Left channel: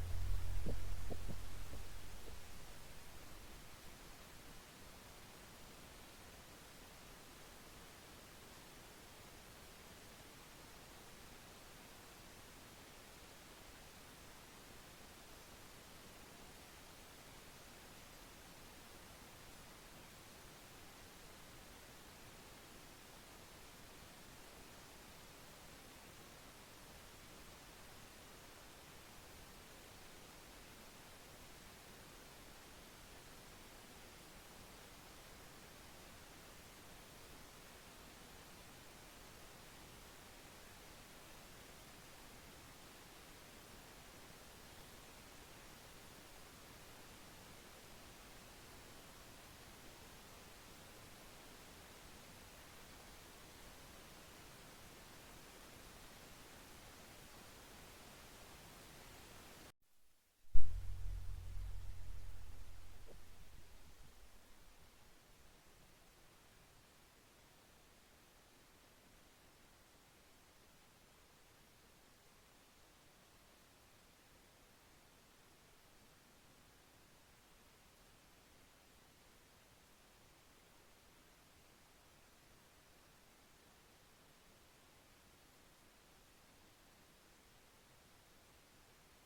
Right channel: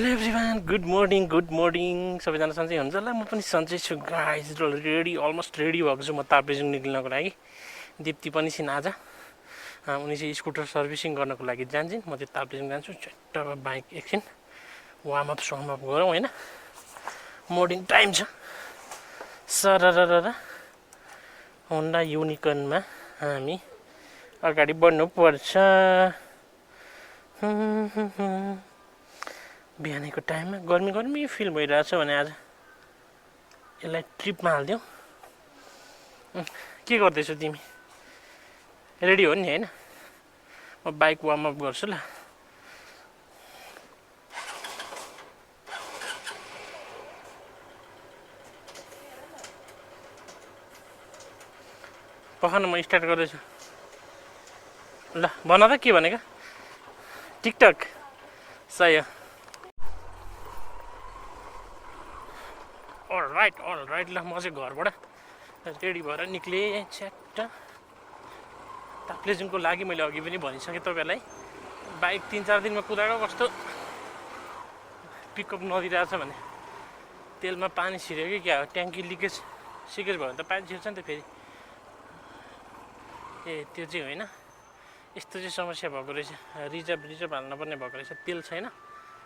Hello everyone, good morning सबैजना सन्चै हुन्छ होला। म पनि सन्चै छु गाइज। रेडी, अलमोस्ट रेडी भएको छु म ताप्लेजुङ निक्लिनको लागि। दिप्ती पनि छिन् आज। उनी चाहिँ स्कुटर सर्भिसिङ गर्नको लागि जान्छन्, म चाहिँ ताप्लेजुङ जान्छु। चट्टमा बाइक एकछिन वार्मअप गरौँ होइन। मर्निङ टाइम छ। सरररर होन्डा युनिकर्नमा हामी अगाडि बढ्नुपर्छ। बिहानको टाइममा गर्मी फिल भइरहेछ भने आज यसलाई ट्रिपमा हालिदिउँ। के गर्दैछौ तिमी? रेडी हो नि होइन? म बाइक वार्मअप गर्छु ल। पखन म स्टार्ट गर्दैछु ल। भन त के भनेको? टिकटक सही हो। अलराइट ल, म चाहिँ घरबाट रेडी भएर निक्लेँ छ्याट्ट ताप्लेजुङको लागि। मैले अघि पनि भनिसकेँ तपाईँहरूलाई, बाइक 3-4 दिनमा कुदाएको कस्तो पिकअप नदिरहेछ भने तेलमा पानी छिर्यो कि क्या हो, ट्याङ्की सिकेज भयो भने त पानी छिर्छ नि त फेरि। त्यो चाहिँ होइन, यस्तो चाहिँ समस्या भएको रहेछ। रिजर्भ हाल्नुपर्ने भएको रहेछ। तेल छैन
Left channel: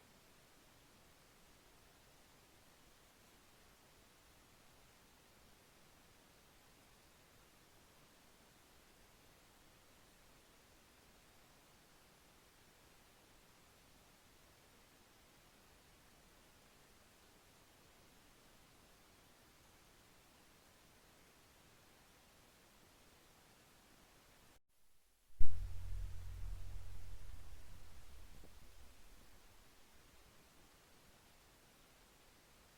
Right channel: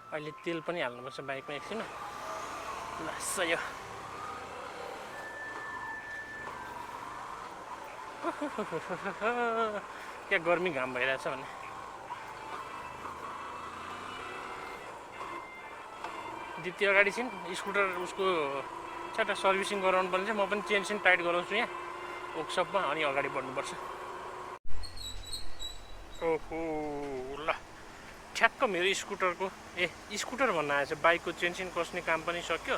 अहिले, तेल पनि हाल्नुपर्छ बाइकमा एकछिन ल। सही हो। क्या गर्मी घाम भइरहेछ भने। दिप्ती अगाडि छिन्, स्कुटर उसको छ्याट्ट सर्भिसिङ गराउनु पर्ने छ। म पनि चेन टाइट गराउँछु यहाँ वर्कसपमा, अनि अगाडि बढ्नुपर्छ। ओहो ल, ठ्याक्क मेरो स्कुटरको स्कुटर भन्न आएछ, बाइकको चेन कस्ने काम पनि सक्यो।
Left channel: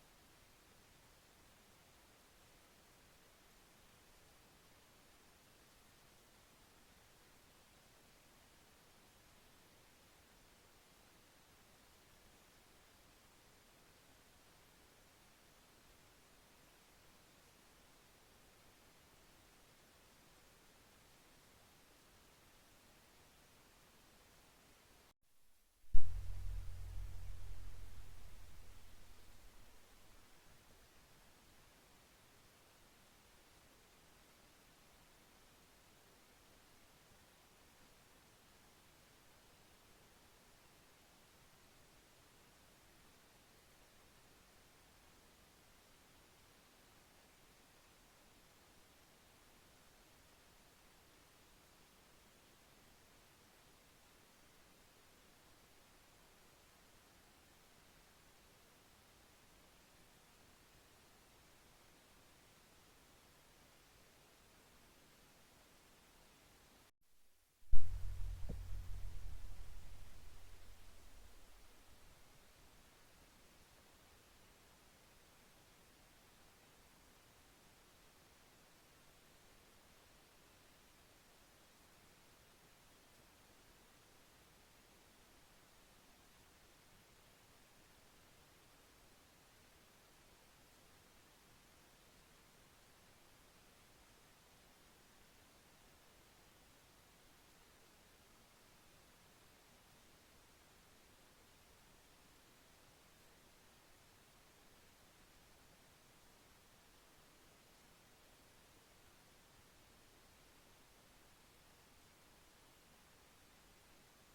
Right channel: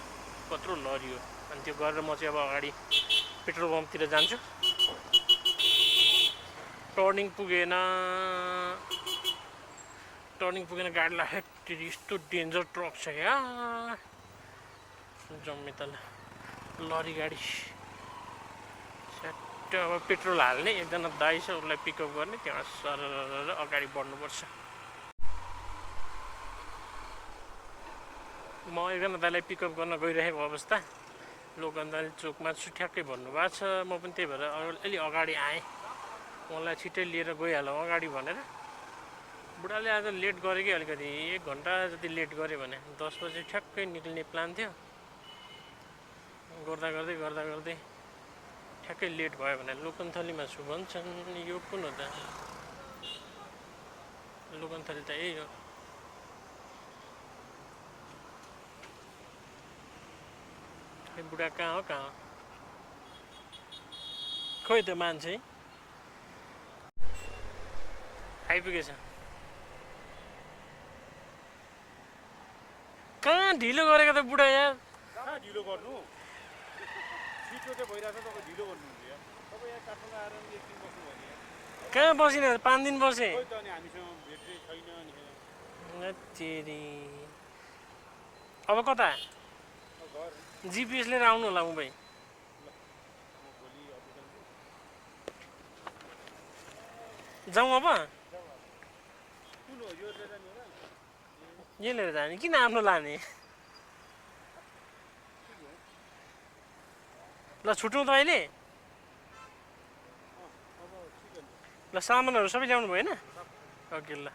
कत्रो लरियो। अनि त्यो गरेर म चाहिँ अब अगाडि पेट्रोल पम्पतिर जान्छु। टर्निङ पुगेन गाडीलाई। हेट, यस्तो डेन्जर ट्रक छ यार, जम्मे तल लरी गाडी। छ्याट्ट अब पेट्रोल हाल्ने एकजना दाइ छ, उसलाई पिकअप गर्ने, त्यहाँ सरर अगाडि बढ्नुपर्छ। म एकजना दाइलाई पिकअप गर्न गइरहेको अवस्था लोकन्दाली चोकमा छु, ठ्याक्कै भन्नुभएको छ। म पनि त्यही भएर अलि अगाडि आएँ, मलाई छिट्टै लिएर गइहालौँ अगाडि भनेर। बुढाले आज लेट गरे कि अलिकति, 1 घन्टा जति लेट गऱ्यो भने 10 बजे ठ्याक्कै निक्लिने प्लान थियो। गर्दा गर्दै ठ्याक्कै लेट भयो भने लोकन्थलीमा छु भन्छन्। यो कुन हो त? लोकन्थली त यही हो। बुढा कहाँ हो खोइ त मान्छे आइपुगेछ। कहाँ ढिलो गरेको त बुढा यार? कहाँ ढिलो गर्नु, छिटो चाहिँ भइरहेछ, तपाईँ ढिलो गर्नुहुन्छ यार। तपाईँ यहाँ काठमाडौँ आएर नि 1 दिन बस्नु भयो नि यार। कहाँ बसिन? 5 दिन बसेँ। खोइ त अनि हामीसँग भेट चाहिँ छैन नि। तेरी अब कता? घर जिपिएस लिएर आउनु होला मुम्बई। ल, म भोलि अफिस जान्छु। जाउँ अब? कुन हो यो लिएर जाने होला? यो लिएर जाने, किन आफ्नो लाने? ल छुटौँ त अहिले। ल सामानहरू सबै ल्याउनु भयो होइन? ओके ल।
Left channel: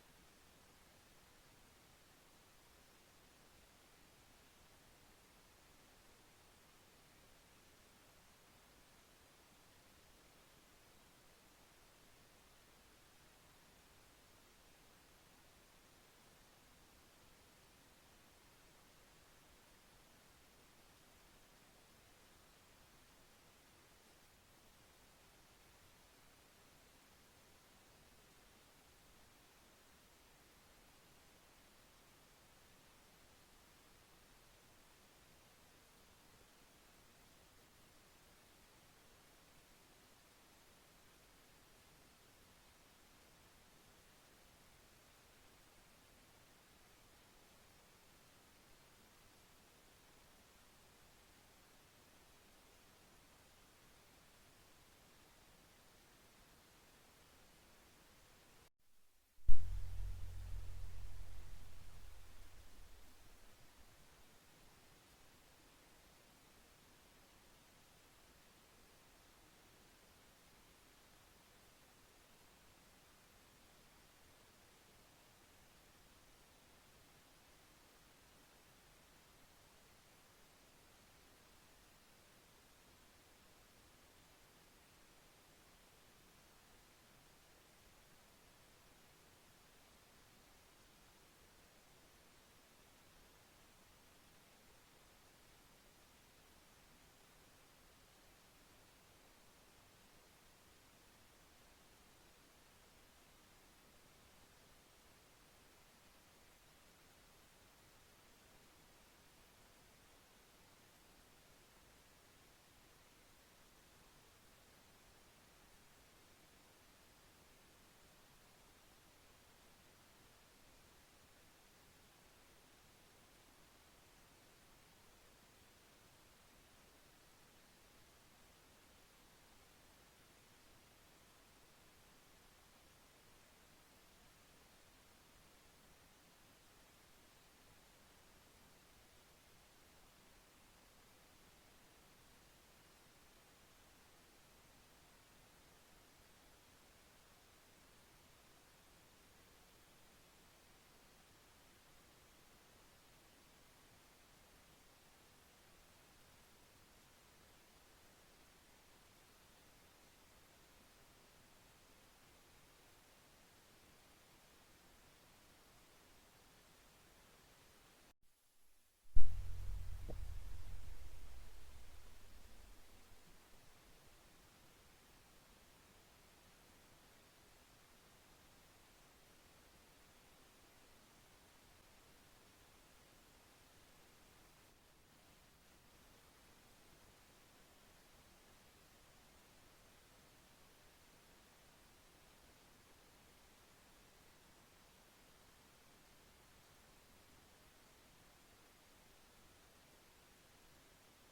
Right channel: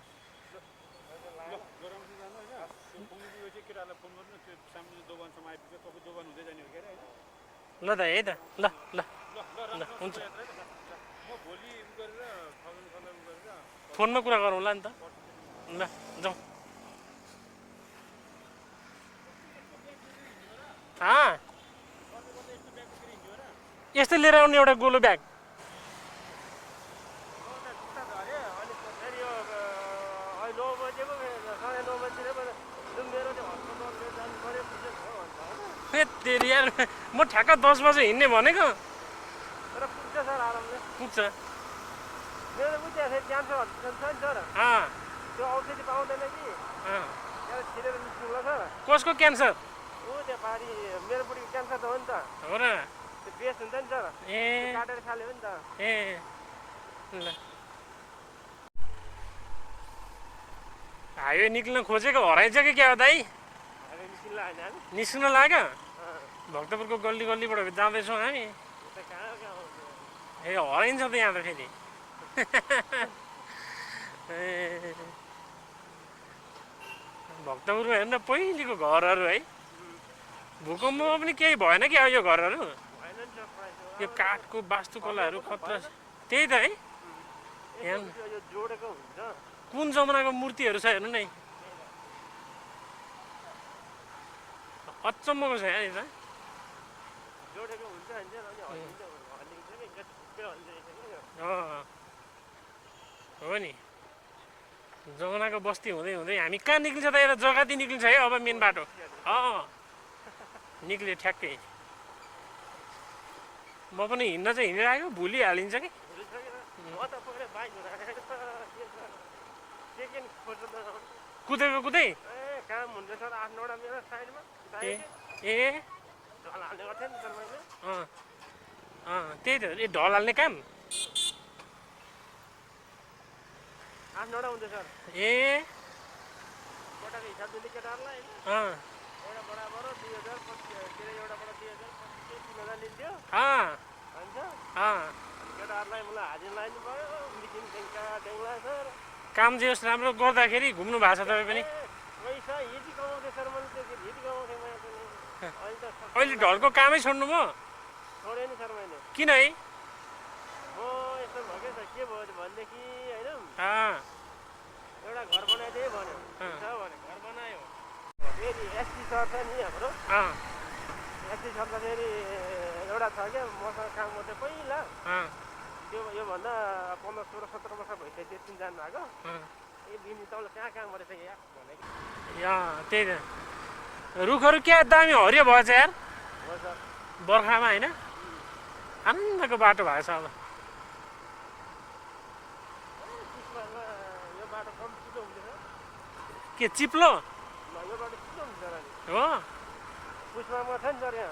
गराउँछु जानु होइन। त्यो पुग्नु चाहिँ केटाहरूलाई फोन गर्नु, त्यो सामने दोकानसम्म आइपुग्छ। तपाईँ दोकान हुँदै जाने हो कि अरे होइन? ल त है त, ल ल ल हुन्छ। म भोलि उ गरेर खगनलाई उ गरेर फोनमा कुरा गरौँला नि त। ल जाउँ। यस्तै लिएर आउने एउटा गोलो ब्याग। तेरि यार, म ठ्याक्क 10 बजे हिँड्ने भनेको। तर पुग्छ सर, आरामले पुग्छ। मेरो उता क्यान्सर हस्पिटल छ नि सर, त्यो औषधि पाउँदैन कि त्यहाँ छिरेर निस्किनु ल सर। कसको क्यान्सर? ऊ त्यो पारि मेरो बुढीको क्यान्सर त हो नि त। हो र? त्यो बेस हुन्छ नि सर, काटेर खाले हो नि त। ल हाइवे निक्लिन खोजेको हराइन्छ कि क्या हो दाइ? निस्किन लाग्यो भक्तपुरको गल्ली गल्लीबाट जाँदैछौँ हामी ए हराइन्छ त यहाँ त फेरि ए भक्तपुरमा हेर्न पहिलेको घरहरू है भूकम्पमा पनि केही भएन क्या यो घरहरू यो काठको वास्तुकलाहरू खतरा त्यही त है यहाँ कुन जमानाको मूर्तिहरू छ हेर्नु नै अचम्मको छ यहाँ यता हो नि जमानाको बस्ती हुँदै हुँदै हामी कहाँ निक्लिन्छ त एउटा जग्गाती निक्लिन्छ है अब मेन बाटो निक्ल्यो ठ्याक्कै म पनि हिँड्न चाहिँ हिँडिरहेको भुलिहालिन्छ कि कुदेको कुदै ए त्यही त ए ढल हाल्ने काम ए काम जे होस् राम्रो गर्दाखेरि घुम्नु भएको छ तपाईँ पनि अहिले ढलको कामै छोड्नु भयो किन है एउटा घर बनाइदिए भन्यो घर बनायो फेरि एसटी सर छ नि हाम्रो एसटी सर त फेरि एउटा छ क्या मसँग काम गर्दै पहिला त्यो योभन्दा 15, 16, 17 वर्ष भइसक्यो त्यति जानु भएको ए दिदी तपाईँले कहाँ काम गरेछ या भनेको त्यही त रुखहरू क्या दामी हरियो भएछ यार बर्खामा होइन आनन्दको बाटो भएको छ अब के चिप्लो हो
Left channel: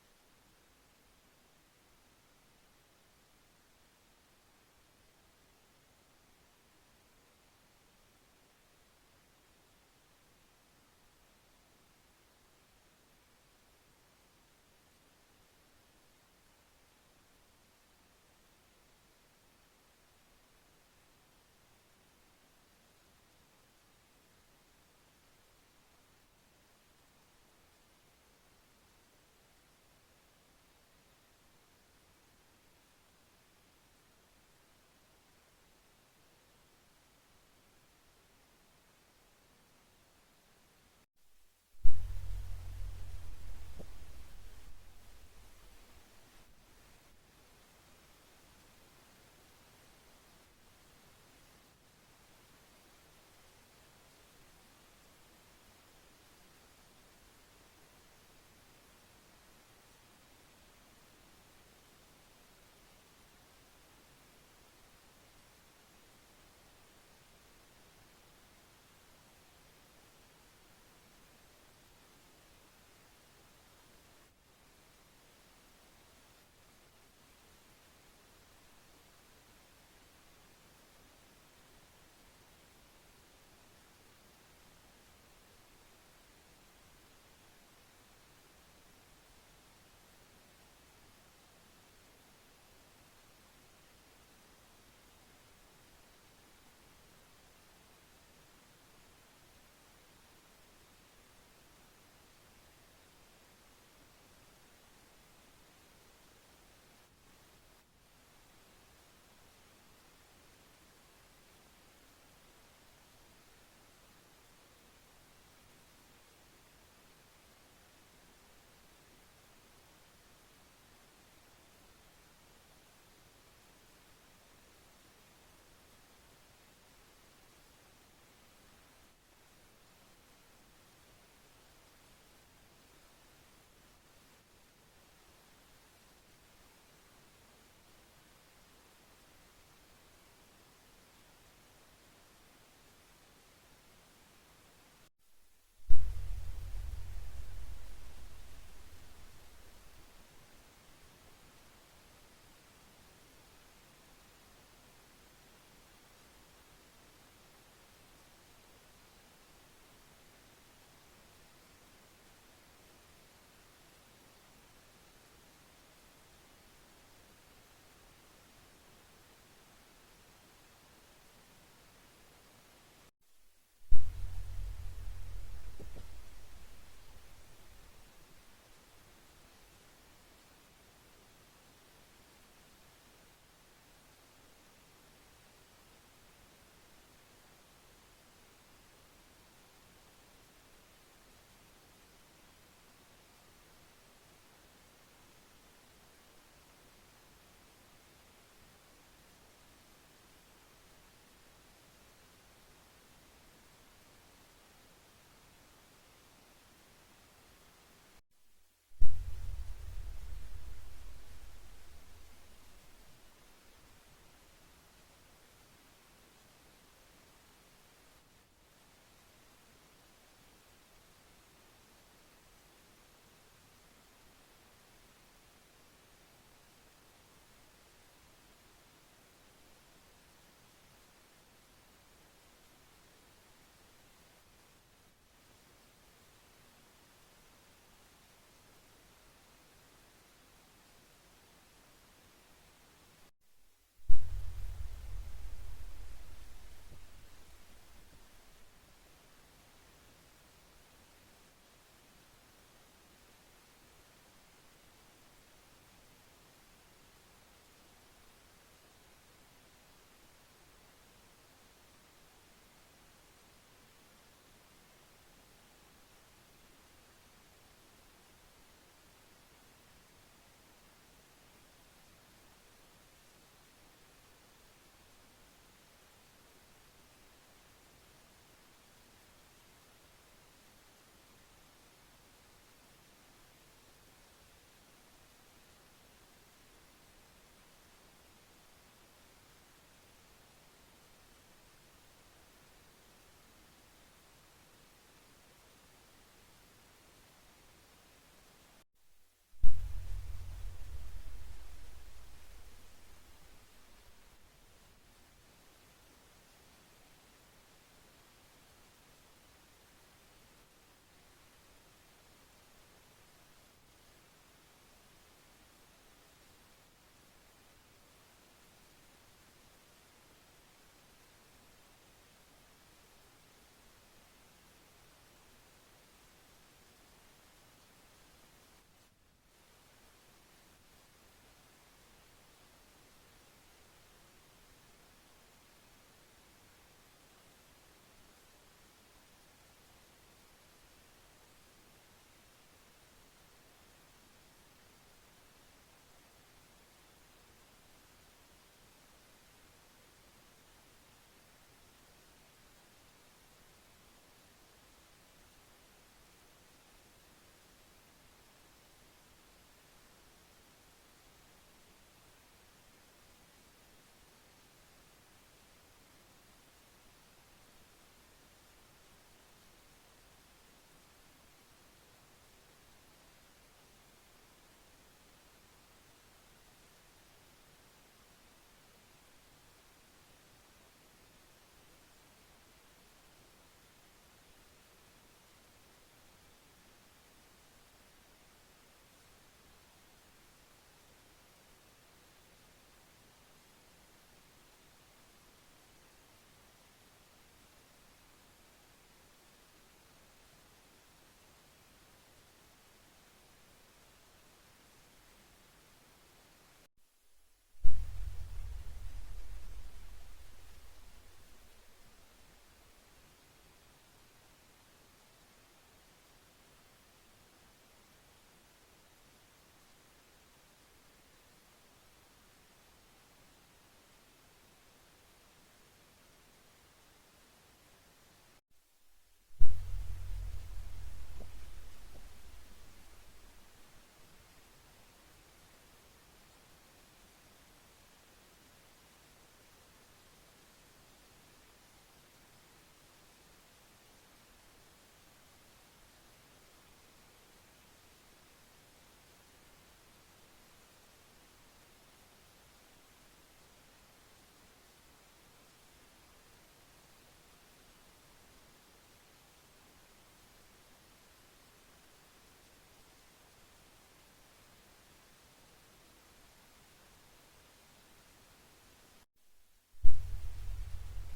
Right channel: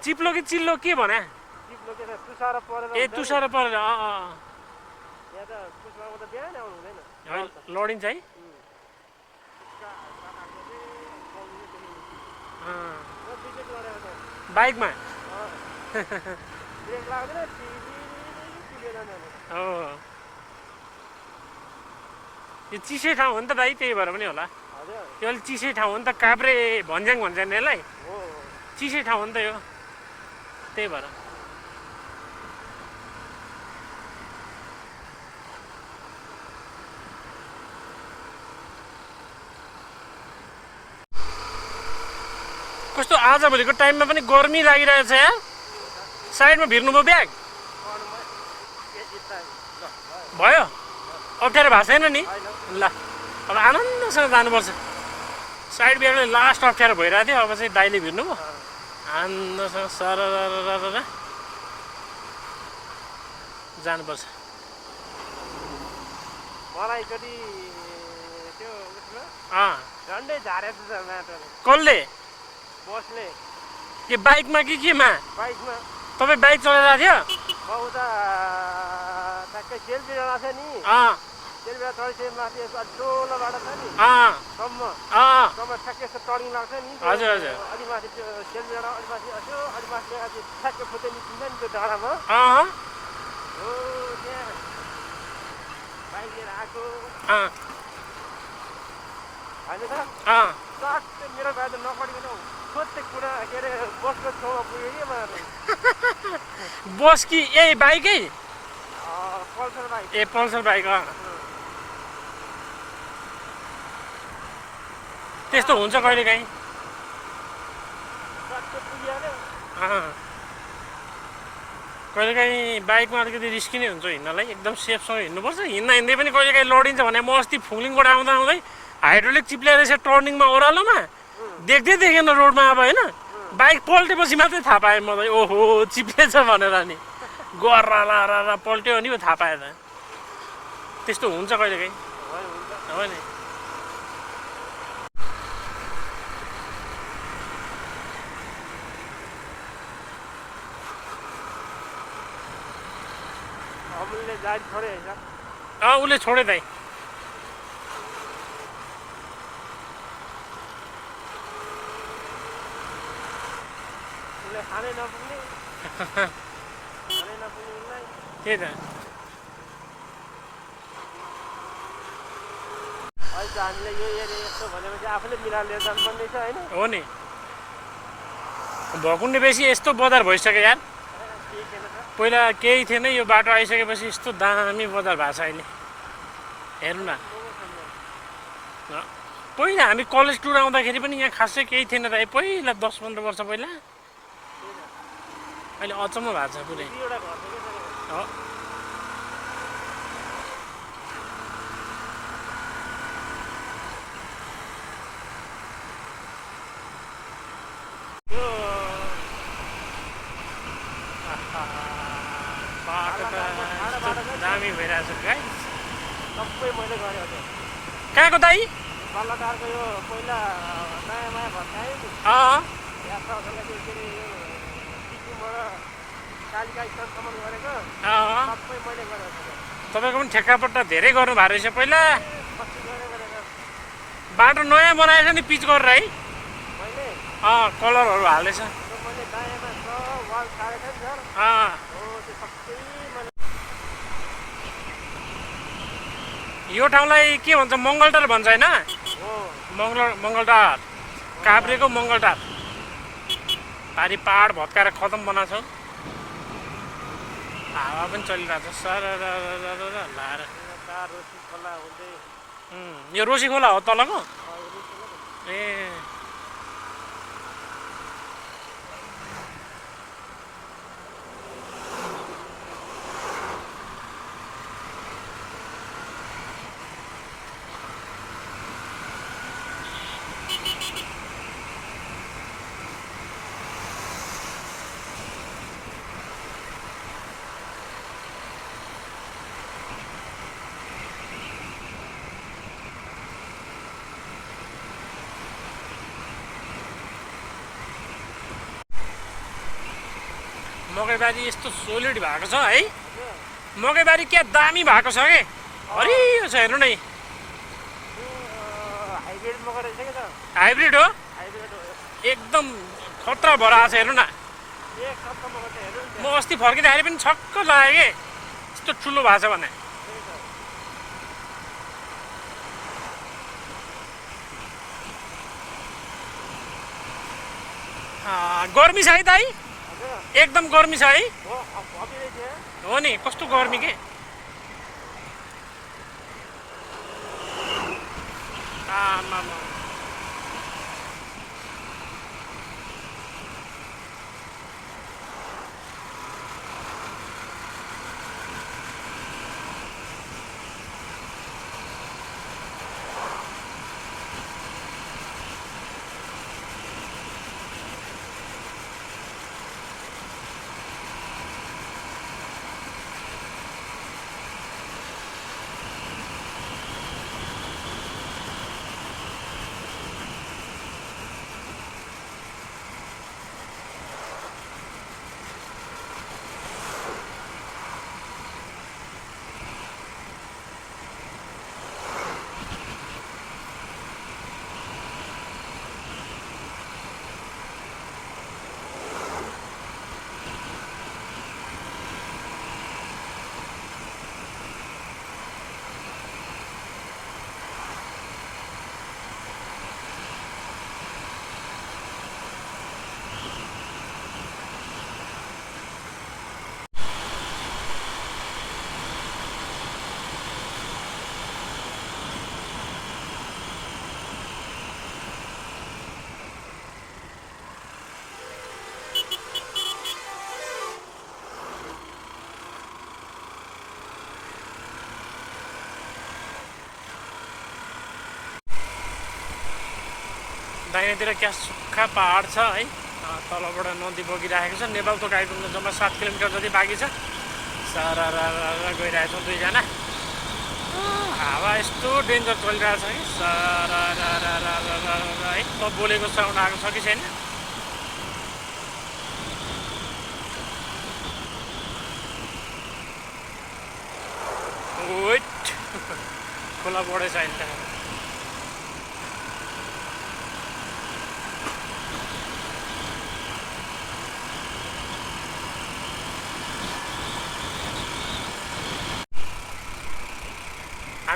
चिप्लो कि चिल्लो के भने ए तुसारो परेर लडिन्छ है बाइकमा यो चिसै ठाउँ हो नि त भाइ त्यही भएर पनि होला यो अलिक चिसै ठाउँ हो नि त काभ्रे भन्ज्याङ भन्छ नि यसलाई चिसै ठाउँ हो नि त यो त्यही भएर कस्तो आजभोलिको टाइममा पनि गर्मी लागिरहेछ यार साइडमा भिर्नुभयो ब्याग भयो अप्ठ्यारो भएको छैन नि ल अब आनन्दसँग जानुपर्छ साइड ब्यागले लास्ट अप्ठ्यारो भइरहेको थियो अब चाहिँ दाइले भिर्नुभयो आनन्दसँग सर जानुपर्छ मलाई कति त्यो झन्डै झारेको छ माटोले कसले बसले के बाइकमा कि केमा बाइकमा तपाईँ बाइक चलाइरहेको थियो म उता ठ्याक्कै सेल्फी डाँडा छ नि सेल्फी डाँडा चढिसके माथि डोलो बाटो छ नि सम्म ठ्याक्कै यस्तो टर्निङ लाग्छ नि हजुर हजुर अलि माथि त्यो सेल्फी डाँडा अलि माथि यसो अलि माथि ठ्याक्कै फुटे निस्किन्छ नि त्यो डाँडामा हो त्यहाँ बाइक लिएर आएको होइन त सट्टै मेरो बाटो नपढिकन सोध्दै कुरा के अरे बसको छेउमा पुग्यो कि मलाई बस कि ए बाइकै पल्सर बाइक ए पल्सर बाइक त्यस्तो हुन्छ कहिलेकाहीँ सट्टै पुगिहाल्यो कहिलेकाहीँ बाइकमा अलिकति रिस्की नै हुन्छ हिँड्नलाई एकदम सेफसँग हिँड्नुपर्छ हिँड्दै पनि कहिलेकाहीँ लडिन्छ भने म अस्ति फुङलिङबाट आउँदा आउँदै हाइड्रोलिक चिप्ल्याएर यसो टर्निङमा ओह्रालोमा देख्दै देखेन रोडमा अब होइन बाइक पल्टेपछि मात्रै थाहा पाएँ म त ओहो चिप्लेछ भनेर नि गर्रा पल्ट्यो अनि थाहा पाएँ त त्यस्तो हुन्छ कहिलेकाहीँ हो नि उसले छोडे दाइ खानै नपुग्ने खानै नपुग्नेलाई त्यही त अहिले त हामीले यो एरिया यस्तो भनेपछि आफूले मिलाएर लिएर जानुपर्ने छ होइन हो नि भकुन्डे बेसी यस्तो बजार भइसक्यो यार केही छैन त पहिला केही थिएन यो बाटो आइसकेपछि यस्तो दामी बजार भएको छ अहिले हेर्नु न पहिला हामी कलेज टुर आउँदाखेरि पनि यहाँ खासै केही थिएन त पहिला 10-15 वर्ष पहिला अहिले अचम्म भएको छ पुरै दुईवटा घर छ क्या हो त्यो बाटो त दामी भइरहेको छ गाइस सबै मैले गरेँ हजुर कहाँको दाइ सल्लाहकारको यो पहिला नयाँ नयाँ भत्काएँ नि यात्रा के अरे यो सिक्किमबाट कालिका स्थानसम्म गरेको सबै मैले गरेको छु तपाईँको पनि ठेक्कापट्टा धेरै गर्नुभएको रहेछ पहिला कति गरेको बाटो नयाँ बनाएछ नि पिच गरेर है मैले कलरहरू हाल्दैछ त्यो मैले दायाँमा सब वाल छाडेको नि सर हो त्यो सबै मैले यो ठाउँलाई के भन्छ मङ्गलटार भन्छ होइन हो मङ्गलटार काभ्रेको मङ्गलटार पारी पहाड भत्काएर खतम बनाएको छ हावा पनि चलिरहेको छ सर लाएर तार रोसी खोला हुँदै यो रोसी खोला हो तलको ए मकैबारी यस्तो सोलिड भएको छ है मकैबारी क्या दामी भएको छ के हरियो छ हेर्नु नै हाइब्रिड मकै रहेछ क्या त हाइब्रिड हो हाइब्रिड हो एकदम खतरा भएर आएको छ हेर्नु न एक सप्ताह मकै त हेर्नु नि म अस्ति फर्किँदाखेरि पनि छक्क लाग्यो के यस्तो ठुलो भएको छ भने गर्मी छ है दाइ एकदम गर्मी छ है हो नि कस्तो गर्मी के आमामा दाहिनेतिर क्या सुक्खा पहाड छ है तलबाट नदी बगिरहेको छ नेपाल तक आइपुग्न जम्मा 7 किलोमिटर जति बाँकी छ सारा गइरहेको छ दुईजना हावा यस्तो डेन्जर चलिरहेको छ कि सारा है त बोलेको साउन्ड आएको छ कि छैन वेट खोला बढेछ अहिले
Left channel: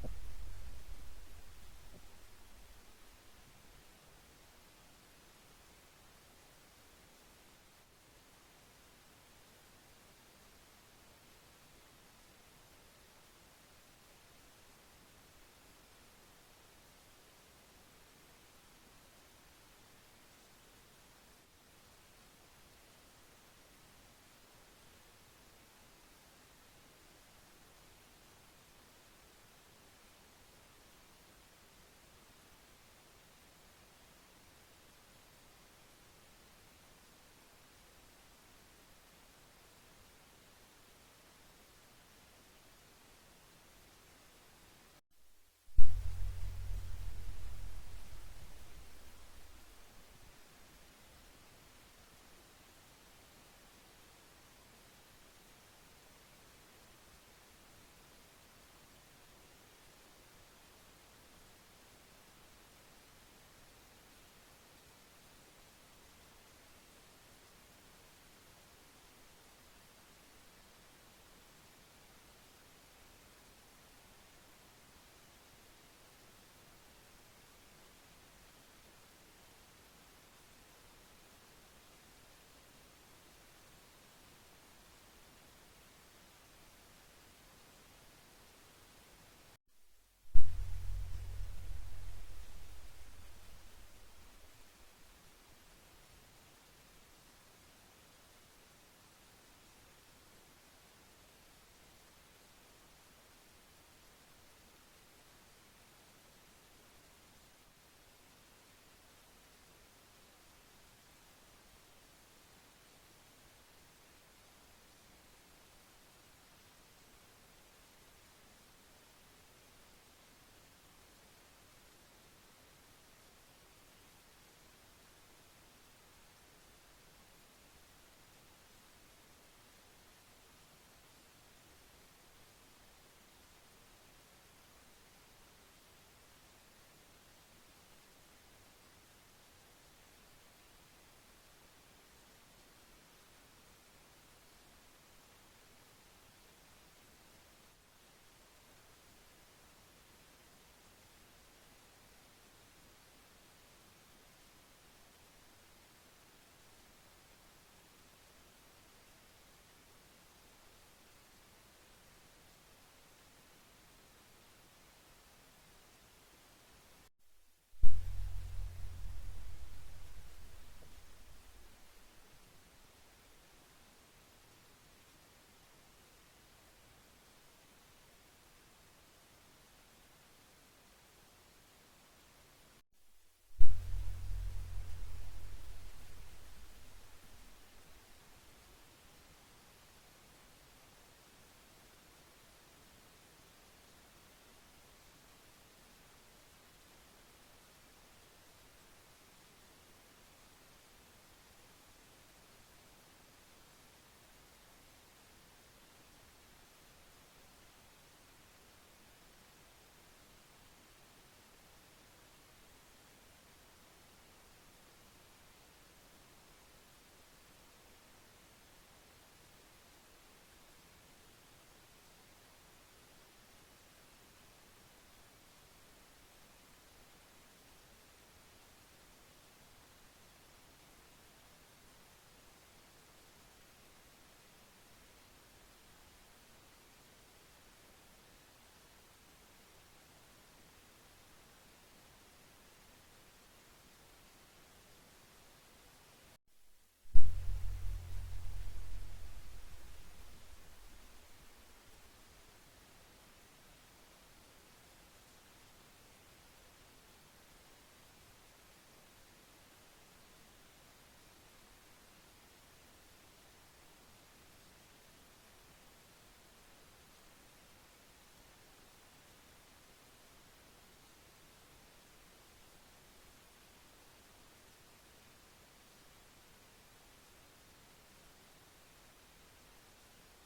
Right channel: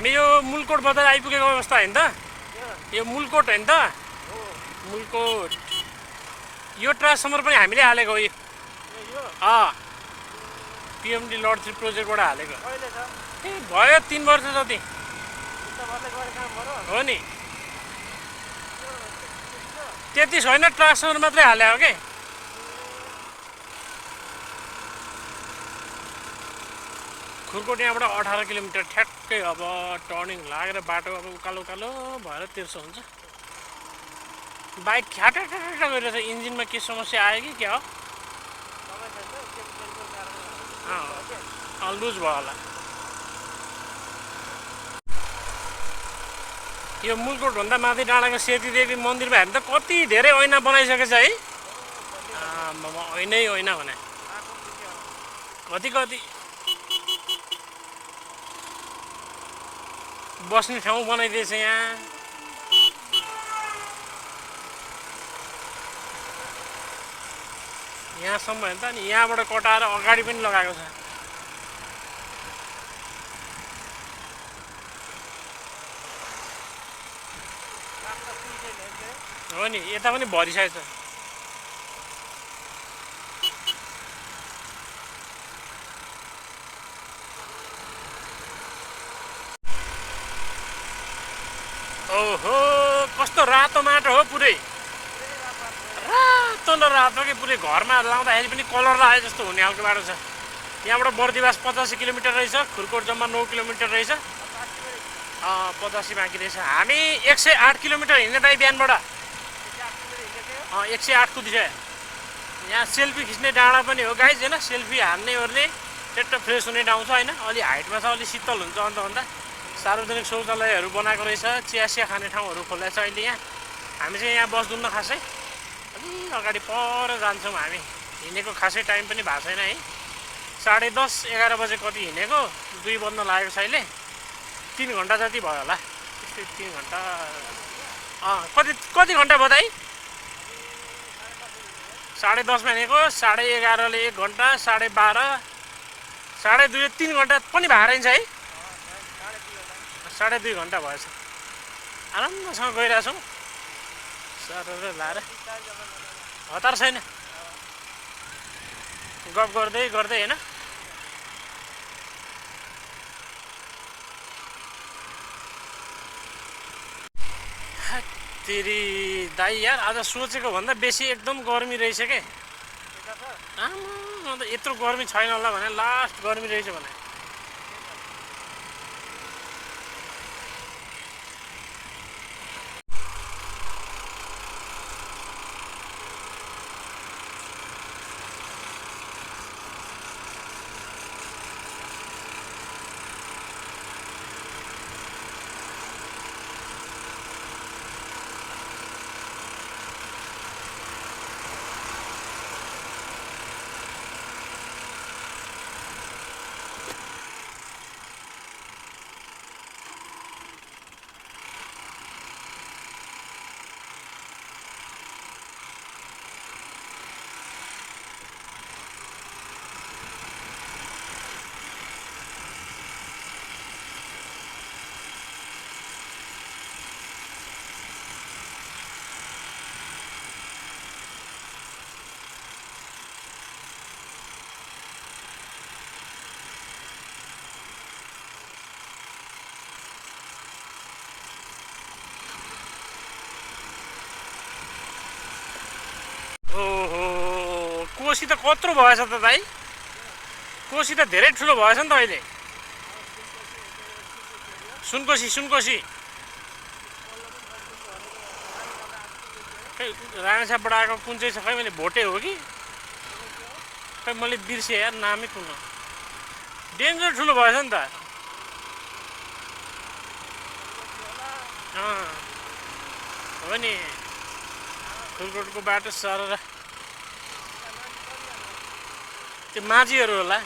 हामी यो मुलकोट बजार आइपुगेको अवस्था होइन त? यो मुलकोट होइन त? मुलकोट यो ट्रान्सफर्मर पनि हामीले हालेको हो। पिएमडी लड 3 प्रोजेक्टबाट हालेको ए भयो 3 वर्ष जति हो नि। त्यति छैन, ट्रान्सफर्मर मात्रै हाले हो के। खुरकोट यहाँबाट 18 किलोमिटर ठ्याक्कै। अब टर्निङ लागेर बाटो अब उकालो उकालो भएर तिर्सो हुन्छ। बाइक ख्याटा गरिरहेछ। इन्जिनमा के समस्या आयो कि क्या हो? लुज भयो होला। यो मुलकोटभन्दा माथि डाँडाको सेतीदेवी मन्दिरमा हामी त कति धेरै ऐना बनाइसकेछ है। ऐनै ऐना भने कति कति बस्ने ठाउँ बनाइदिएछ यहाँ। यहाँसम्म हेर्नु त नि, यहाँबाट कटाएर अगाडि पनि लगाएको छ। हो नि, यता पनि भरिसकेछ। ओहो कस्तो रातो माटो हो, पुरै रातो न रातो कि पुरै घरमा लाउँदाखेरि पनि कलर आए जस्तो हुने खालको बाटो छ। यहाँबाट बर्दिवास 85 किलोमिटर रहेछ, खुरकोट जम्मा 9 किलोमिटर रहेछ। 85 बाँकी रहेछ। हामी 108 किलोमिटर हिँड्ने दाइ बिहानबाट। 108 कुदिसक्यो। यहाँ सेल्फी खिच्ने डाँडा पनि हो गाइज होइन। सेल्फी हान्ने ओर्ने चेट्ट फ्रेस हुने ठाउँ छ होइन। अलि हाइटमा छ, अलि शीतल हुन्छ। अन्त सार्वजनिक शौचालयहरू बनाएको रहेछ। चिया खाने ठाउँहरू खोलेको छ अहिले यहाँ। हामी चाहिँ यहाँ बस्दैनौँ खासै, अलि अगाडि पर जान्छौँ हामी। हिँडेको खासै टाइम पनि भएको छैन है। 10:30 11 बजे कति हिँडेको, 2 बज्न लागेको छ अहिले। 3 घन्टा जति भयो होला। त्यस्तै 3 घन्टा। कति घन्टा भयो दाइ? 10:30मा हिँडेको, 11:30ले 1 घन्टा, 12:30, 2:30 3 घन्टा पनि भएको रहेछ है। 2.5 घन्टा भएछ। आरामसँग गइरहेछौँ सरर लाएर। हतार छैन, गफ गर्दै गर्दै होइन। तेरी दाइ यार, आज सोचेको भन्दा बेसी एकदम गर्मी रहेछ के। अन्त यत्रो गर्मी छैन होला भने, लास्ट गर्मी रहेछ भने। कोसी त कत्रो भएछ त भाइ। कोसी त धेरै ठुलो भएछ नि त अहिले। सुनकोसी खै रामेछापबाट आएको कुन चाहिँ छ खै, मैले भोटे हो कि खै मैले बिर्सेँ यार, नामै कुन हो। डेन्जर ठुलो भएछ नि त। हो नि, खुरकोटको बाटो सरर त्यो माझीहरू होला।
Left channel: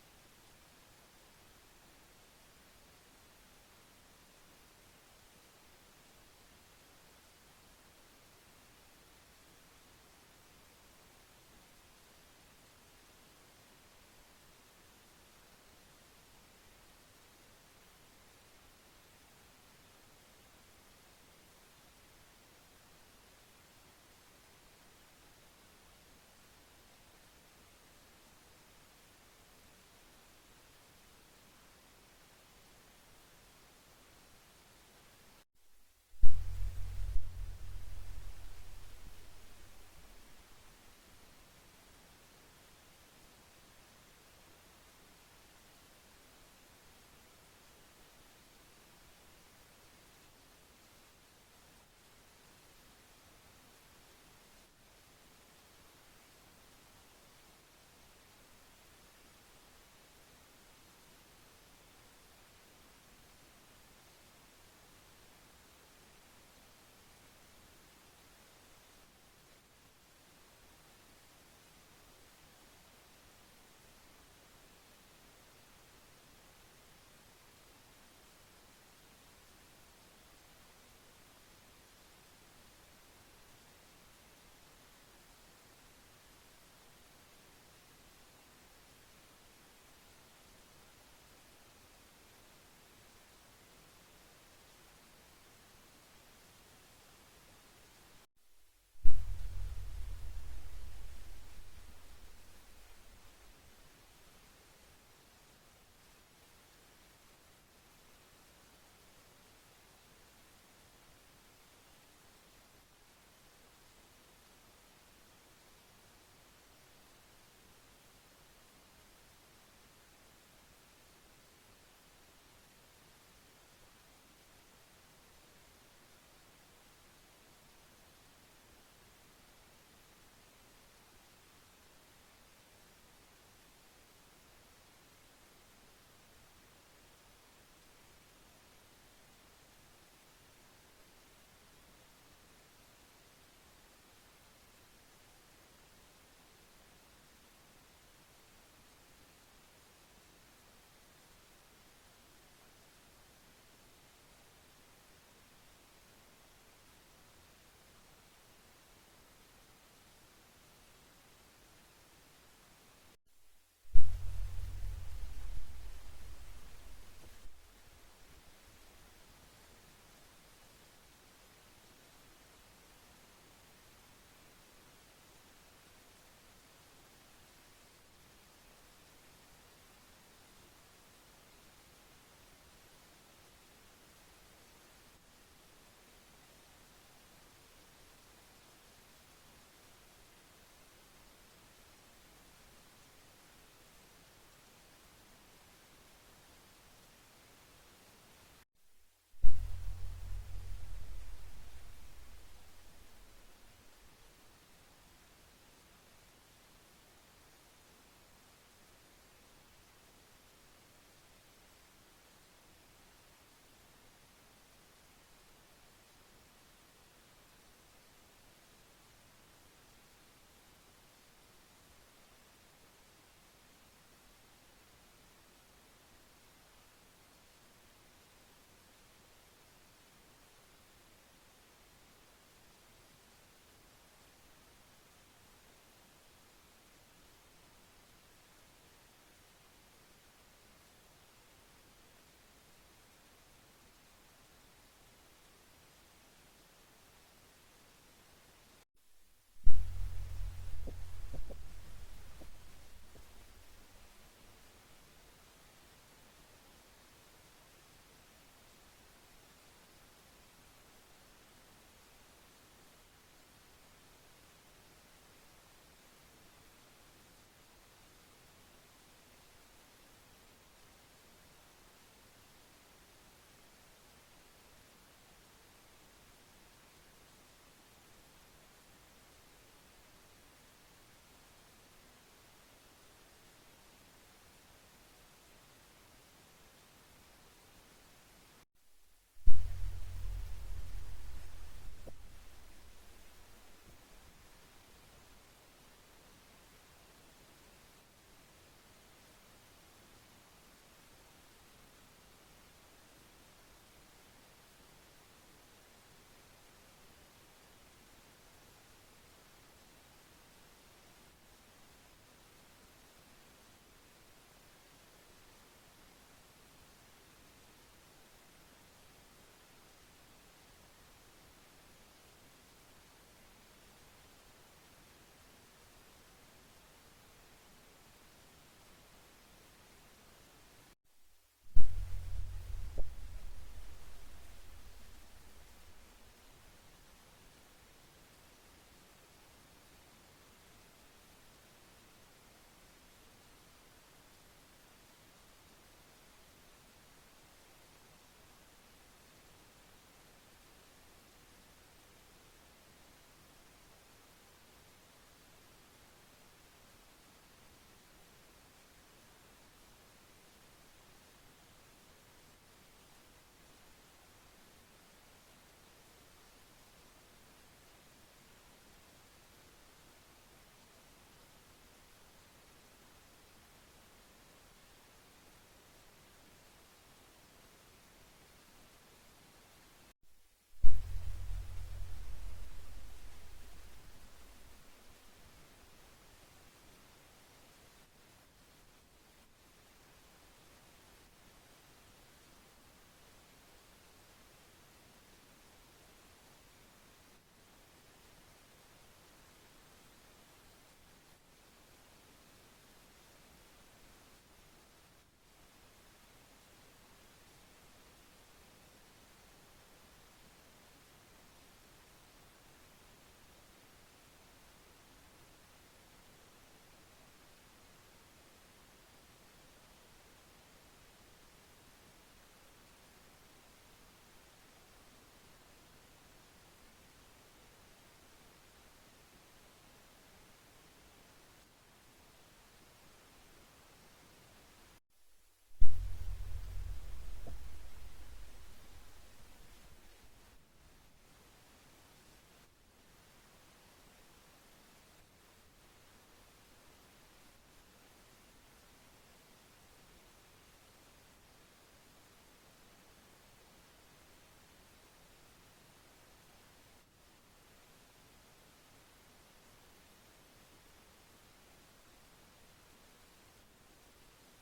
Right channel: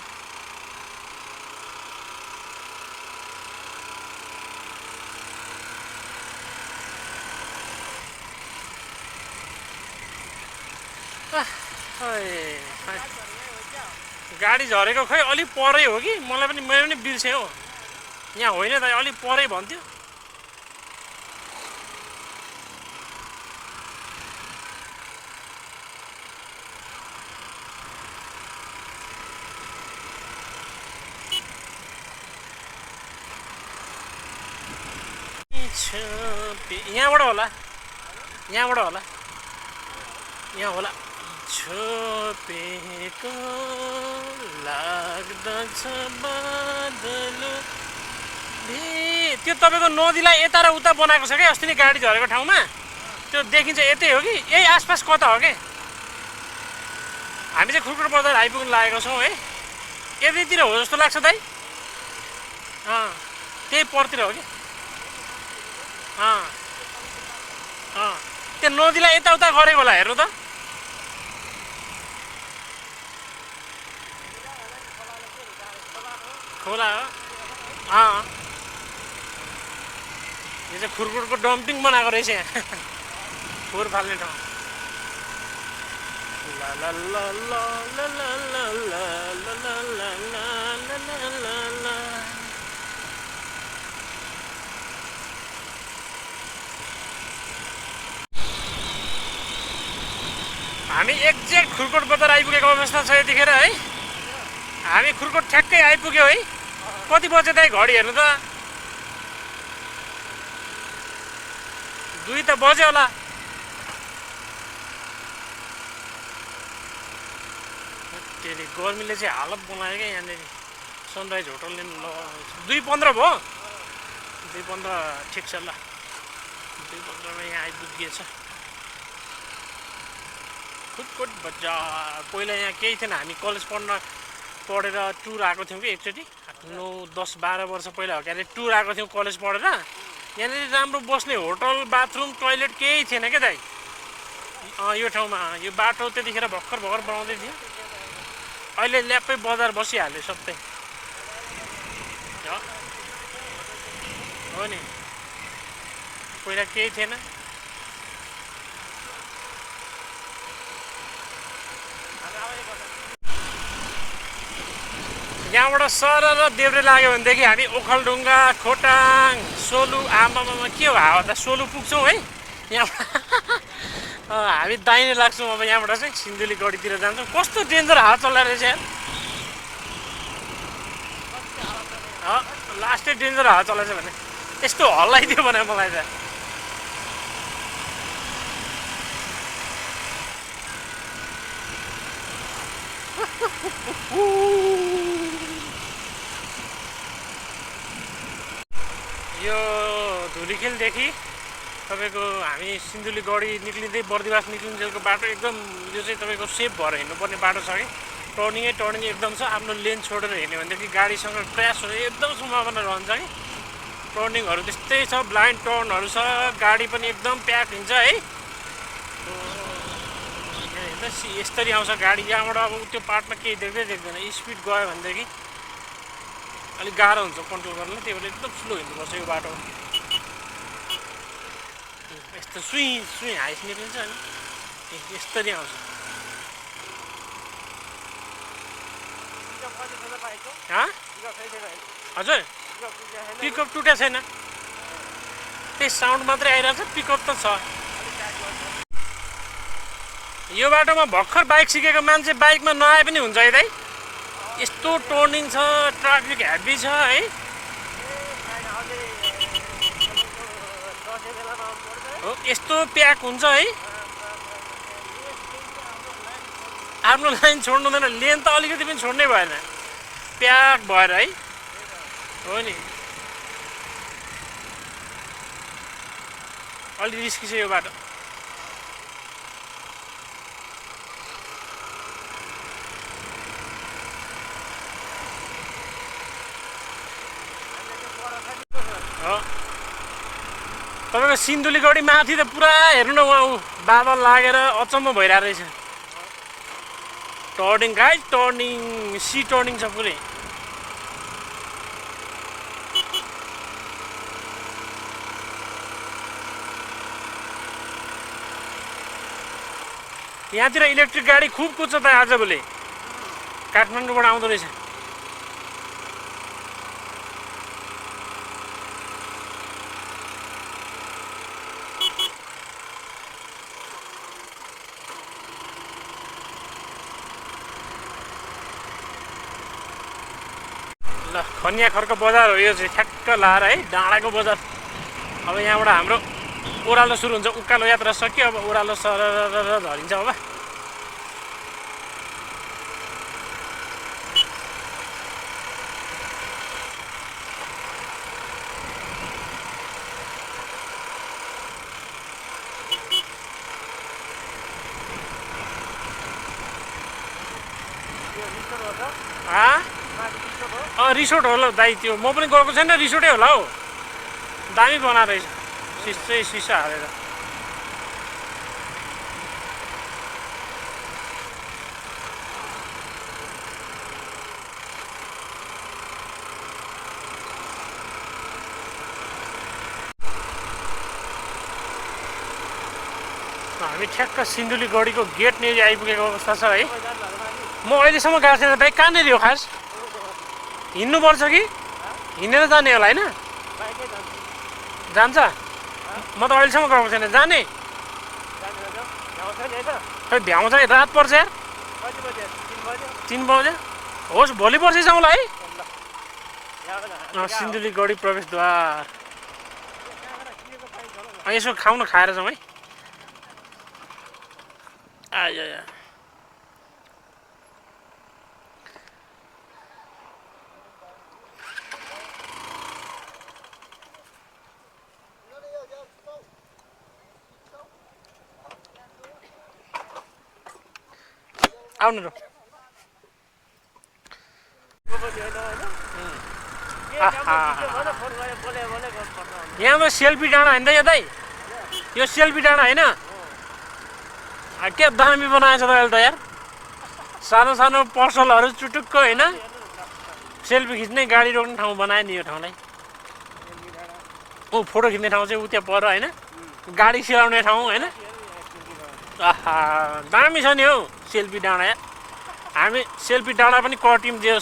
गाडी झरेको खै अलिक परै हो कि, मैले पनि बिर्सेँ हो। यहाँ होइन त अलिक परै भन्थ्यो यहाँबाट होला यहाँबाट होला यहाँ होला छोपेको लाग्दछ बादल त्यो तपाईँको नदीलाई यता र उता बनाएको छ क्या अस्ति नै गाडी झरेको ठाउँमा त्यो देखिन्छ यतै हो कि यही आसपास कता हो कि हामी चाहिँ खुर्कुट बजार आइपुग्नु लागेको छौँ है यतैतिर हो जस्तो लाग्छ दाइ त्यही परतिर हो कि त्यो नदीलाई यताउता गरेको होला हेर्नु त खोला हो यो चाहिँ खुर्कुटको डम्पिङ बनाएको रहेछ यहाँ फोहोर फाल्ने ठाउँ हामी एक्ज्याक्ट खुर्कुट बजार आइपुगेको अवस्था छ यतिखेर है हामी खुर्कुट ठ्याक्कै आइपुग्यो है कति बजे दाइ घडी हेर्नु त 2 त बज्यो होला त्यसले गर्मीले चाहिँ हालत बनायो क्या यहाँनिर सनराइज होटलले 2:15 भयो 2:15 ठिक छ ल 2:15 मा यहाँ आइपुगिएछ खुर्कुट बजार पहिला यहाँ केही थिएन हामी कलेज पढेर टुर आएको थियौँ कि एकचोटि 9-10-12 वर्ष पहिला हो क्या टुर आएको थियौँ कलेज पढेर यहाँनिर राम्रो बस्ने होटल बाथरुम टोइलेट केही थिएन क्या दाइ यो ठाउँमा यो बाटो त्यतिखेर भर्खर बनाउँदै थियो अहिले ल्याप्पै बजार बसिहाल्यो सबै हो नि पहिला केही थिएन यहाँबाट सर र देब्रे लाग्यो भनेदेखि हामी ओखलढुङ्गा खोटाङ सोलु आमामा के हो हावा त सोलु पुग्छौँ है यहाँबाट हामी दाहिने लाग्छौँ अब यहाँबाट चाहिँ सिन्धुली गढीतिर जान्छौँ कस्तो डेन्जर हावा चलाइरहेछ यार लास्टै डेन्जर हावा चलाएछ भने यस्तो हल्लाइदियो भने मलाई त यो धुलीखेलदेखि तपाईँको हामी सिन्धुली गढी निक्लिँदै बर्दिवास निक्लिन्जेलको बाटो एकदम यो चाहिँ तपाईँको सेफ भएर हिँड्नुपर्ने बाटो छ कि टर्निङ एकदम छ आफ्नो लेन छोडेर हिँड्यो भनेदेखि गाडीसँग क्र्यास हुने एकदम सम्भावना रहन्छ कि टर्निङहरू त्यस्तै छ ब्लाइन्ड टर्नहरू छ गाडी पनि एकदम प्याक हुन्छ है यसरी आउँछ गाडी यहाँबाट अब त्यो पार्टमा केही देख्दैन स्पिड गयो भनेदेखि अलिक गाह्रो हुन्छ कन्ट्रोल गर्न त्यही भएर एकदम स्लो हिँड्नुपर्छ यो बाटो यस्तो सुई हाइस निक्लिन्छ अनि यस्तरी आउँछ हजुर पिकअप टुटेको छैन त्यही साउन्ड मात्रै आइरहेको छ पिकअप त छ यो बाटोमा भर्खर बाइक सिकेको मान्छे बाइकमा नआए पनि हुन्छ है दाइ यस्तो टर्निङ छ ट्राफिक हेभी छ है हो यस्तो प्याक हुन्छ है आफ्नो लाइन छोड्नु हुँदैन लेन त अलिकति पनि छोड्नै भएन प्याक भएर है हो नि अलि रिस्की छ यो बाटो तपाईँको सिन्धुली गढी माथि त पुरा हेर्नु न उहाँ बादल लागेर अचम्म भइरहेको रहेछ टर्निङ गाइज टर्निङ सी टर्निङ छ पुरै यहाँतिर इलेक्ट्रिक गाडी खुब कुद्छ त आजभोलि काठमाडौँबाट आउँदो रहेछ खनिया खर्क बजार हो यो चाहिँ ठ्याक्क लाएर है डाँडाको बजार। अब यहाँबाट हाम्रो ओह्रालो सुरु हुन्छ। उकालो यात्रा सक्यो अब ओह्रालो सरर झरिन्छ अब। रिसोर्ट होला दाइ त्यो म पनि गएको छैन रिसोर्टै होला हौ दामी बनाएर रहेछ सिसै सिसा हालेर हामी ठ्याक्क सिन्धुलीगढीको गेट नेरी आइपुगेको अवस्था छ है। म अहिलेसम्म गएको छैन दाइ कहाँनिर हो खास हिँड्नुपर्छ कि हिँडेर जाने होला होइन जान्छ म त अहिलेसम्म गएको छैन जाने खै भ्याउँछ रात पर्छ यार 3 बजे होस् भोलि पर्सि जाउँला है सिन्धुलीगढी प्रवेशद्वार यसो खाउन खाएर जाउँ है आयो आउनु र यहाँ सेल्फी डाँडा होइन यो दाइ यो सेल्फी डाँडा होइन के दामी बनाएछ त अहिले त यार सानो सानो पसलहरू चुटुक्क होइन सेल्फी खिच्ने गाडी रोक्ने ठाउँ बनायो नि यो ठाउँलाई फोटो खिच्ने ठाउँ चाहिँ उ त्यहाँ पर होइन गाडी सिलाउने ठाउँ होइन आहा दामी छ नि हौ सेल्फी डाँडा यार हामी सेल्फी डाँडा पनि कट्यौँ जे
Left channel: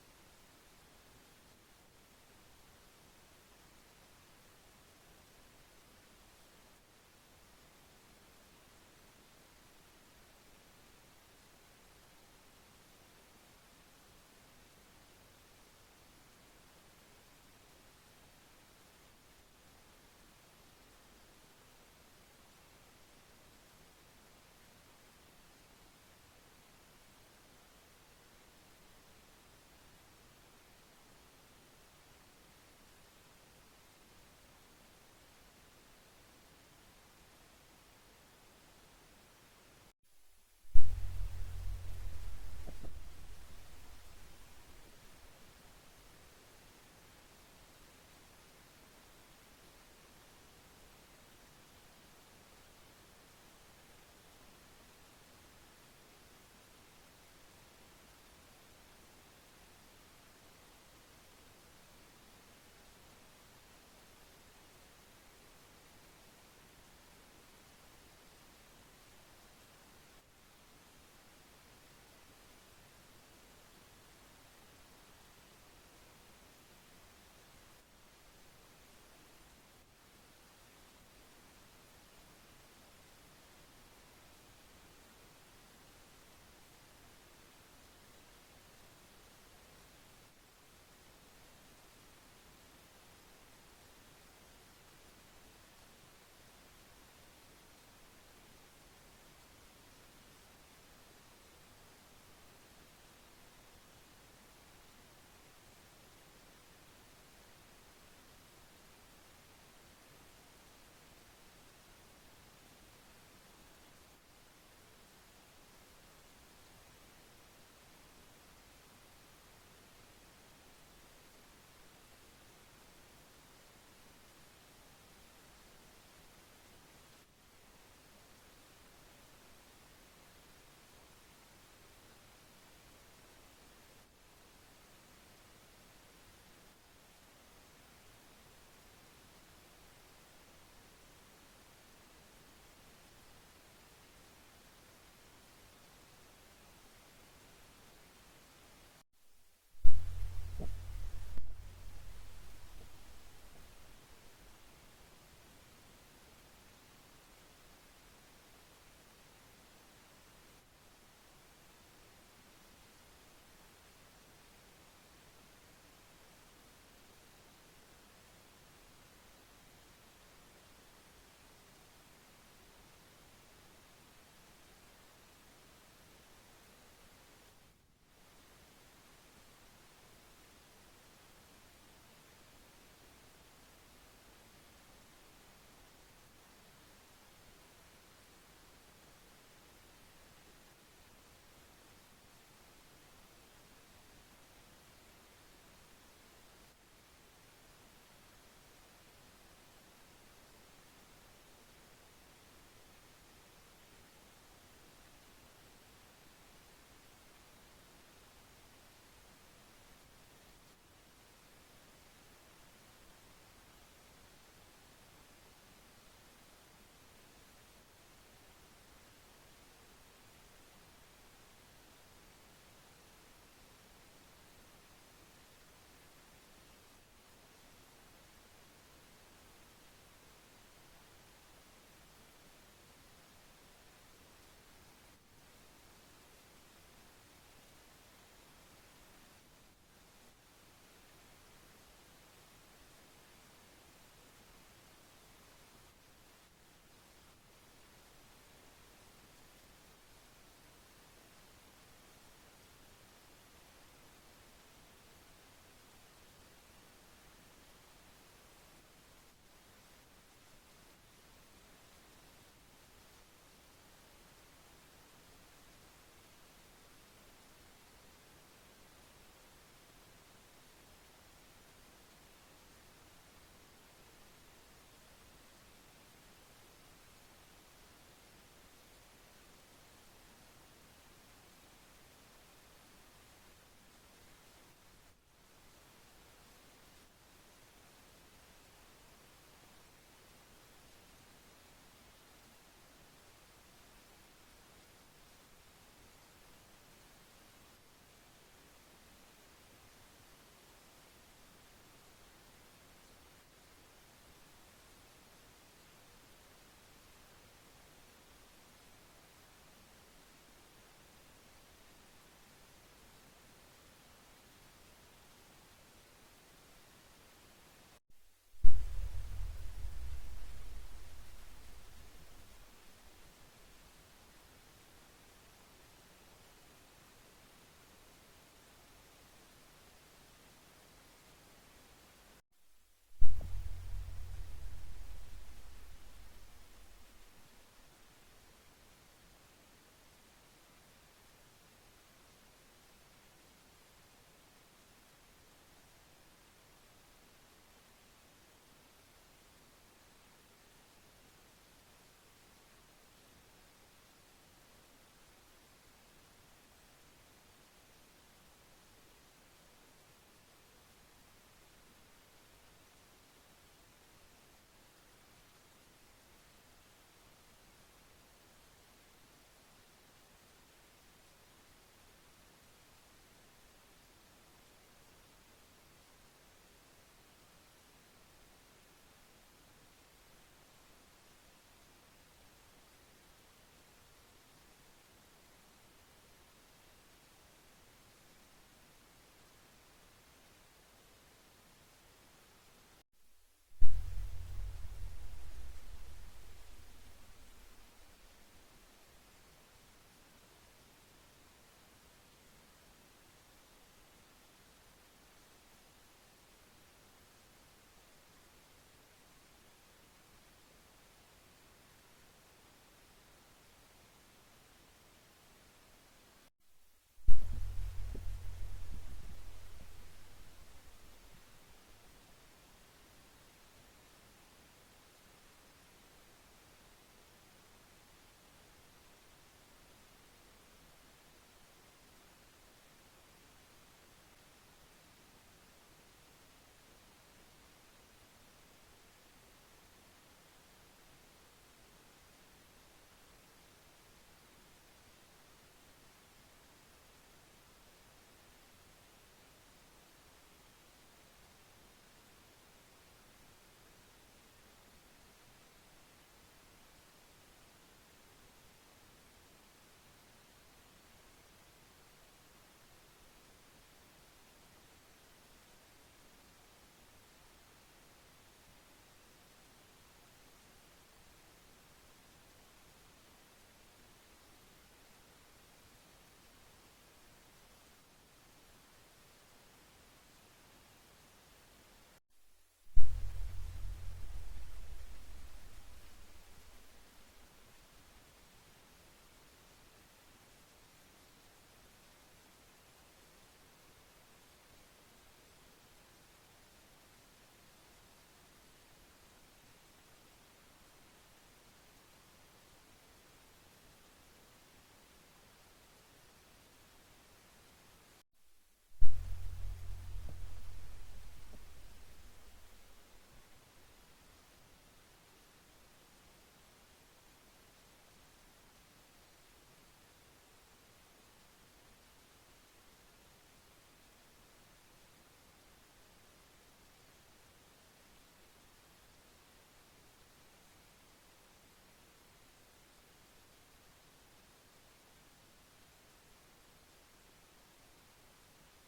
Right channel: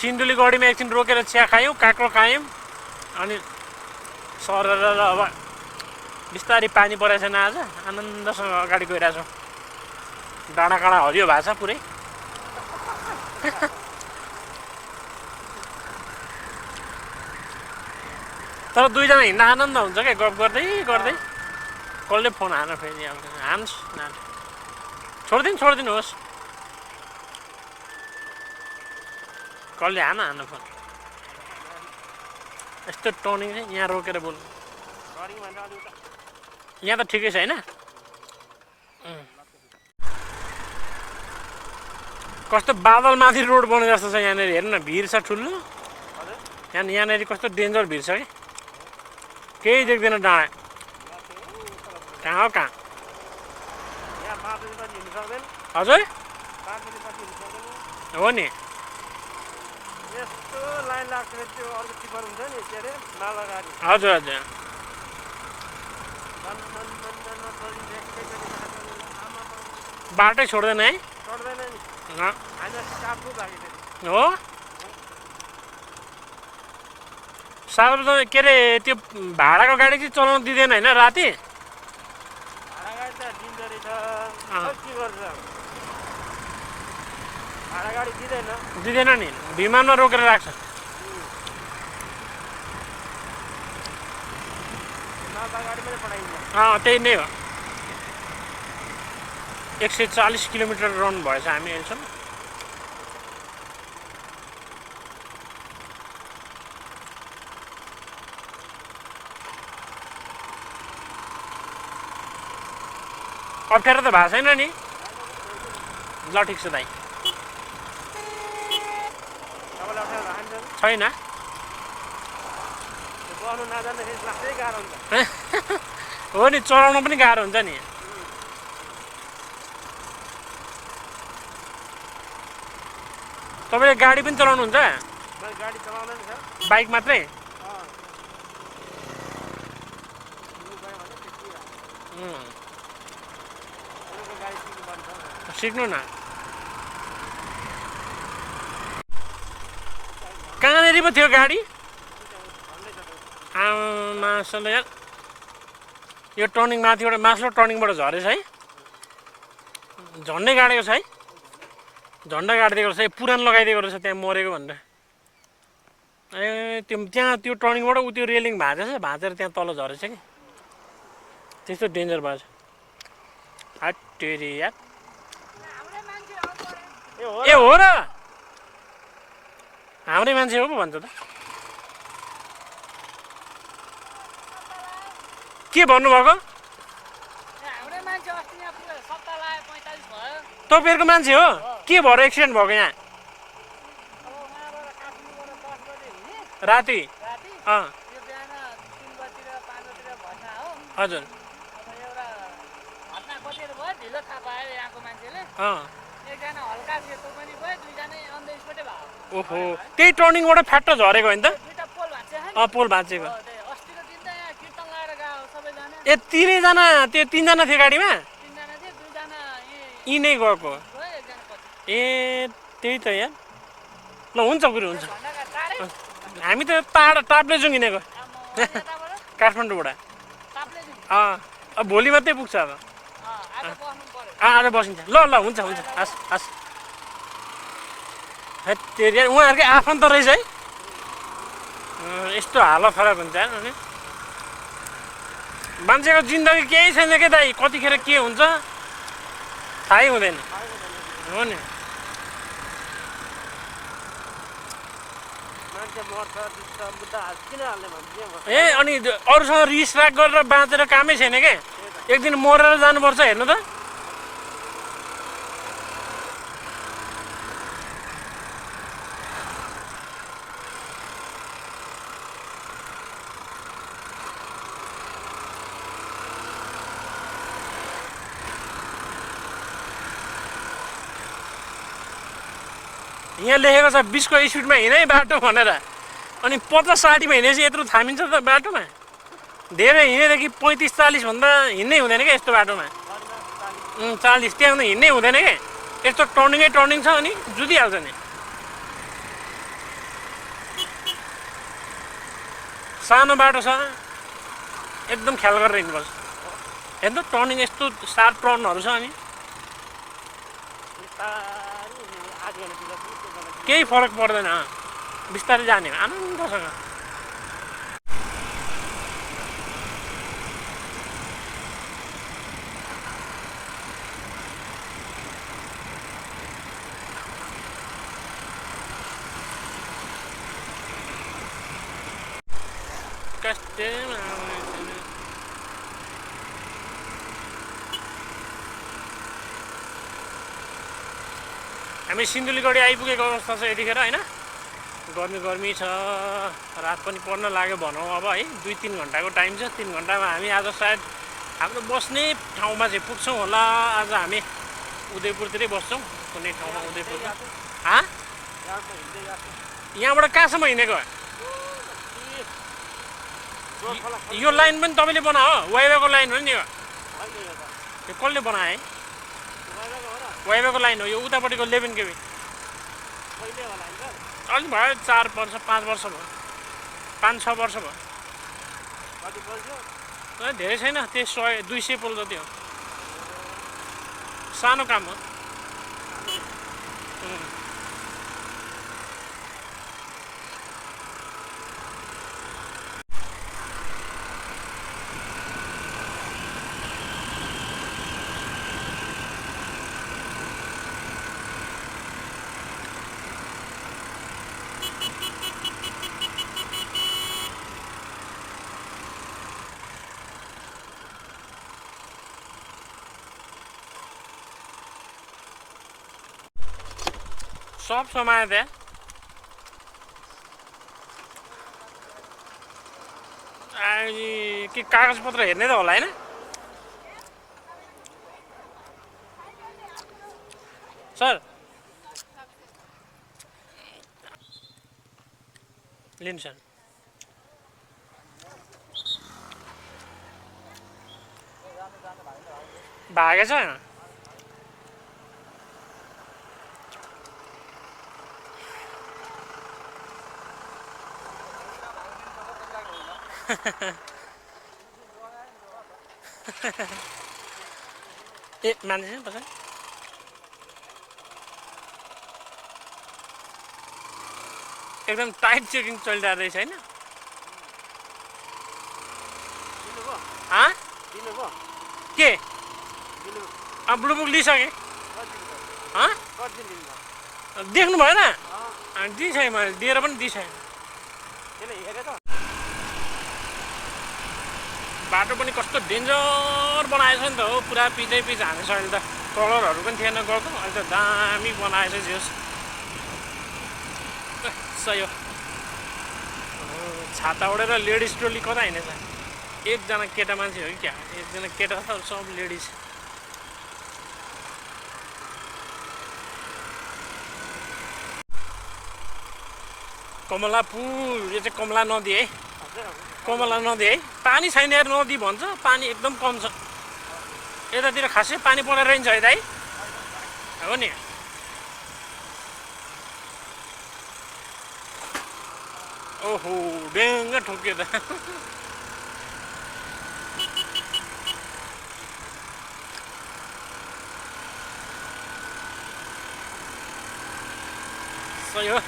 सिन्धुलीगढीमा एकछिन रोकेर चिया खायौँ काँक्रो खायौँ अनि सरर अब बिस्तारै पानी परेको छैन आज आनन्दसँग अगाडि गइरहेछौँ डाँडा काँडा हरियो भएको छ पुरै तर दुईजना हिँड्दा आनन्द हुन्छ क्या गफ गर्दै गर्दै कसले फोन हान फेरि हान्छ छोडिदिनुहोस् कसले हान फोन यस्तो टर्निङ चाहिँ यहाँ रोकेर बोल्नु यहाँ त ठिकै छ होइन कस्तो बादलमाथि रोड बने जस्तो छ यहाँनिर हेर्नु न भिड छ ठुलो यहाँनिर कस्तो डेन्जर भिड छ कि केही देख्दैन डाँडा कहाँ हो कहाँ हजुर हो नि हजुर हजुर बाटै छोड्दैन है हो सार्वजनिक के अरे त्यो भाडाको गाडी चाहिँ चलाउनु दिँदैन होइन राति दिँदैन नि विमानमा रोकेर राख्छ त्यही नै हो 140 किलोमिटर रन भएछ हामी अहिलेसम्म अप्ठ्यारो त भएको छैन नि ल ठिक छ दाइ छैन हो नि चलाउन पनि गाह्रो हुन्छ नि तपाईँले गाडी पनि चलाउनुहुन्छ बाइक मात्रै सिक्नु न कहाँनिर पो थियो गाडी आमासले यार यो टर्निङ माथिबाट मास्लो टर्निङबाट झरेछ है झन्डै गाडेको छ है झन्डा गाडिदिएको रहेछ पुरानो लगाइदिएको रहेछ त्यहाँ मरेको भनेर ए त्यहाँ त्यो टर्निङबाट उ त्यो रेलिङ भाँचेर त्यहाँ तल झरेछ कि त्यस्तो डेन्जर भएको छ हट्टेरी यार ए हो र हाम्रै मान्छे हो पो भन्छ त के भन्नुभएको तपाईँहरूको मान्छे हो के भएर एक्सिडेन्ट भएको यहाँ राति हजुर ओहो त्यही टर्निङबाट फ्याट्ट झरेको होइन त पोल भाँचेको ए तिनैजना त्यो तिनजना थियो गाडीमा यी नै गएको ए त्यही त यहाँ ल हुन्छ गुरु हुन्छ हामी त टाप्ले जाउँ हिँडेको काठमाडौँबाट अब भोलि मात्रै पुग्छ अब आज बसिन्छ ल ल हुन्छ हुन्छ हस् हस् हेत्तेरी उहाँहरूकै आफन्त रहेछ है यस्तो हालत खराब हुन्छ अनि मान्छेको जिन्दगी केही छैन के दाइ कतिखेर के हुन्छ थाहै हुँदैन हो नि ए अनि अरूसँग रिस राग गरेर बाँचेर कामै छैन के एक दिन मरेर जानुपर्छ हेर्नु त यहाँ लेखेको छ 20 को स्पिडमा हिँडै बाटो भनेर अनि 50-60 मा हिँडेपछि यत्रो थामिन्छ त बाटोमा धेरै हिँडेदेखि 35-40 भन्दा हिँड्नै हुँदैन क्या यस्तो बाटोमा 40 त्यहाँ हिँड्नै हुँदैन क्या यस्तो टर्निङै टर्निङ छ अनि जुदिहाल्छ नि सानो बाटो छ एकदम ख्याल गरेर हिँड्नुपर्छ हेर्नु टर्निङ यस्तो सार्प टर्नहरू छ अनि केही फरक पर्दैन बिस्तारै जाने आनन्दसँग हामी सिन्धुलीगढी आइपुगेको अवस्था छ यतिखेर होइन गर्मी छ रात पनि पर्न लाग्यो भनौँ अब है 2-3 घन्टाको टाइम छ 3 घन्टामा हामी आज सायद हाम्रो बस्ने ठाउँमा चाहिँ पुग्छौँ होला आज हामी उदयपुरतिरै बस्छौँ कुनै ठाउँमा उदयपुर यहाँबाट कहाँसम्म हिँडेको यो लाइन पनि तपाईँले बनायो वाइवाको लाइन हो नि यो कसले बनाए वाइवाको लाइन हो यो उतापट्टिको 11 केबी अलि भयो 4 वर्ष 5 वर्ष भयो 5-6 वर्ष भयो धेरै छैन त्यो 100-200 पोल जति हो सानो काम हो सब समायो त्यहाँ के कागजपत्र हेर्ने त होला होइन सर लिनु सर भागेछ ए मान्छे छैन पछाडि एकदम टाइट चेकिङ चलिरहेको रहेछ होइन दिनुभयो हाँ दिनुभयो के दिनु ब्लुबुक लिइसकेँ कति दिनुभयो हाँ कति दिनुभयो देख्नु भएन अँ दिइसकेँ मैले दिएर पनि दिइसकेँ त्यसले हेरेँ त बाटो पनि कस्तो डेन्जर बनाएछ नि त हो पुरा पिचै पिच हानेछ अहिले त कलरहरू पनि थिएन गएको अहिले त दामी बनाएछ जेस सही हो छाता ओढेर लेडिज ट्रोली कता हिँडेछ एकजना केटा मान्छे हो कि क्या एकजना केटा छ सब लेडिज कमला पुल यो चाहिँ कमला नदी है कमला नदी है पानी छैन यार नदी भन्छ पानी एकदम कम छ यतातिर खासै पानी परेर रहन्छ है दाइ हो नि ओहो डेङ्ग ठोक्यो त सही हो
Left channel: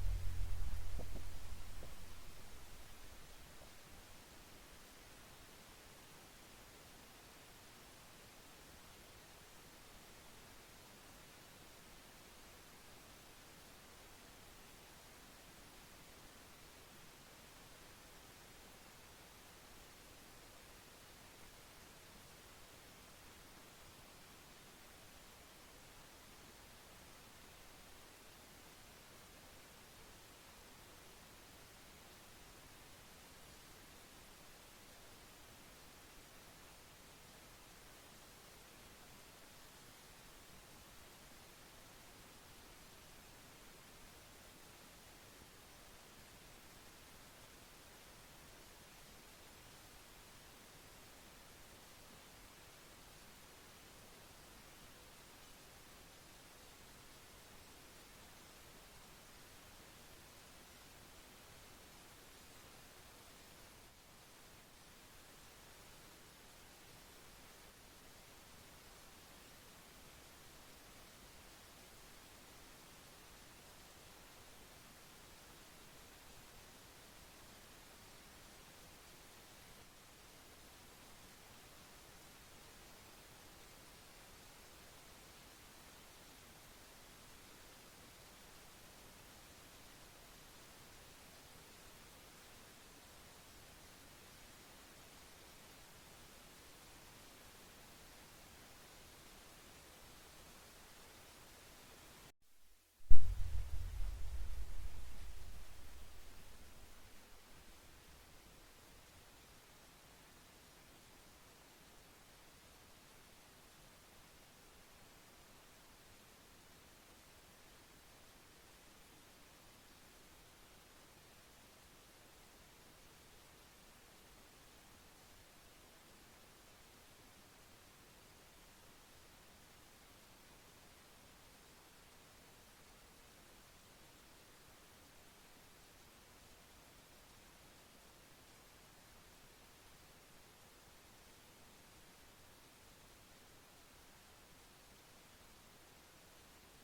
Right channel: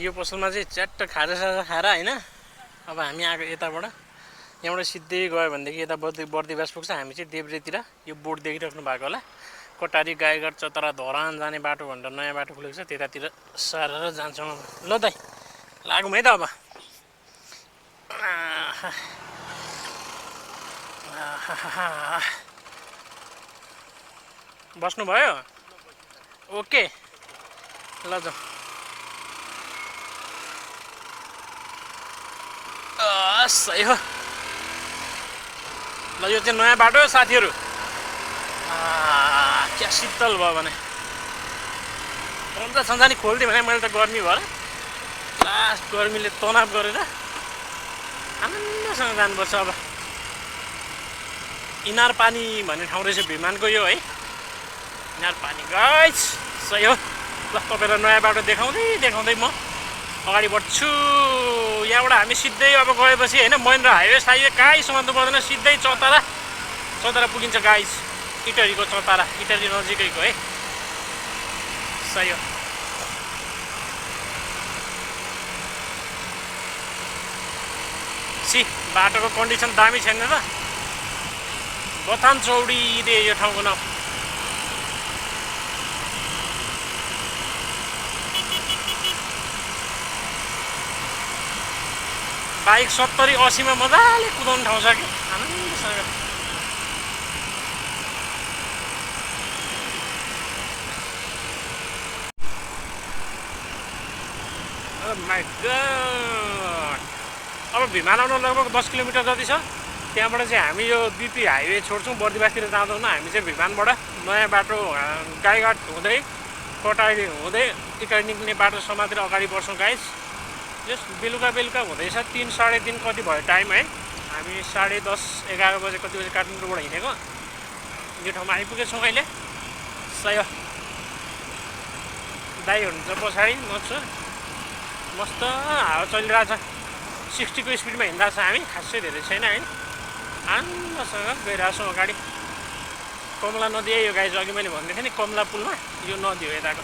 यो पसलमा चाहिँ च्याट्ट खाजासाजा खाएर होइन अब हामी आएको यताबाट यहाँबाट सिधै गयो भनेदेखि यता बर्दिवास पुग्छ हामी चाहिँ देब्रेतिर यो बोर्ड देखिराख्नु भएको होला कटारी गाईघाट चतरा धरान जाने बाटो भनेर नयाँ बाटो खुलेको छ त्यतातिर सारेर जान्छौँ ल दाइ लागौँ है त अब बस्नुभयो ओके ल जाउँ सही हो ल यो चाहिँ नयाँ बाटो हो साथीहरू क्या शीतल भयो भने पन्जा सन्जा नि खोलिदिएँ भने मैले त गर्मी भएर लास्ट गर्मीले तनाव गरेर आनन्दसँग जानुपर्छ अब इनार पानी भन्ने ठाउँ रहेछ भिमानको यो है इनार पानी गाइस सही हो ल तपाईँलाई नयाँ बाटो देखाउँदै देखाउँदै म अगाडि बढ्छु यहाँबाट हामी सिधै अब गएपछि होइन महेन्द्र हाइवे साइवे कहीँ समात्नु पर्दैन सिधै चौतारा पुगिन्छ गाइस इटरीको चौतारा इटरी नजिकैको है सही हो सी बाटोको कन्डिसन दामी छैन र बथान चौडी दे यो ठाउँको नाम बाइक 70-80 मा मजाले कुदाउने ठाउँ छ कि आनन्दसँग माई गॉड अब भिमान आउन लगभग 10 किलोमिटर जति छ त्यहाँबाट चाहिँ हामी यो बिपी हाइवे छोड्छौँ बर्दिवासतिर जाँदैनौँ हामी चाहिँ भिमानबाट नयाँ बाटो गाईघाट हुँदै कटारी हुँदै इटारी निक्लिने बाटो समातेर अगाडि बढ्छौँ गाइस जस बेलुका हुँदैछ 3-3:30 कति भयो टाइम है हामी 10:30-11 बजे कति बजे काठमाडौँबाट हिँडेको यो ठाउँमा आइपुगेछौँ अहिले सही हो दाइ हुनुहुन्छ पछाडि मच्छु मस्त हावा चलिरहेछ 60 को स्पिडमा हिँड्दा छ हामी खासै धेरै छैन है आनन्दसँग गइरहेछौँ अगाडि कमला नदी है यो गाइज अघि मैले भन्दै थिएँ नि कमला पुलमा यो नदी हो यताको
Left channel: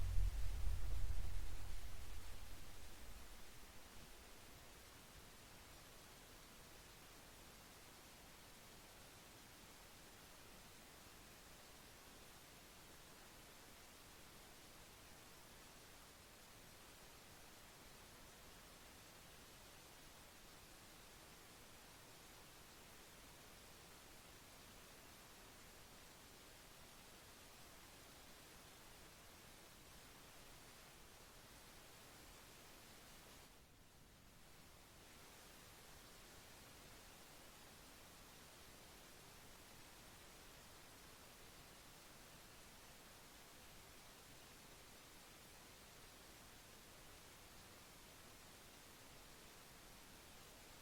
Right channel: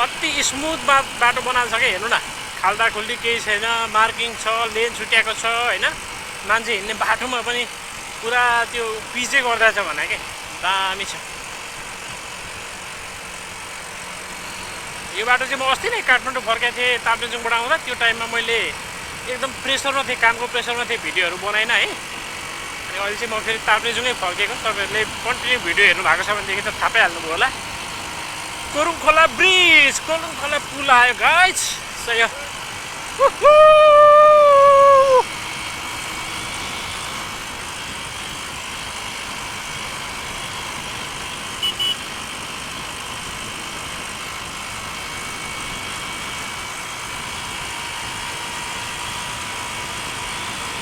अति स्मुथ बाटो बनाएको छ क्या हेर्नु न खाल्डा खुल्डी केही छैन मार्किङ छ लेन छुट्याएको छ हैन मान्छे हिँड्ने बाटोमा पनि पुरा त्यो पिचै गर्दैछ भने के दामी छ यो बाटो चाहिँ म अस्ति नै काठमाडौँ फर्केको थिएँ ताप्लेजुङबाट आउँदा त्यो टाइममा मैले एकदम प्रेसरमा थिएँ कामको प्रेसरमा थिएँ भिडियोहरू बनाइन है अनि अहिले चाहिँ म फेरि ताप्लेजुङै फर्केको तपाईँहरूले कन्टिन्यू भिडियो हेर्नु भएको छ भनेदेखि त थाहा पाइहाल्नुभयो होला कोरुङ खोला ब्रिज कोरुङ खोला पुल आयो गाइज सही हो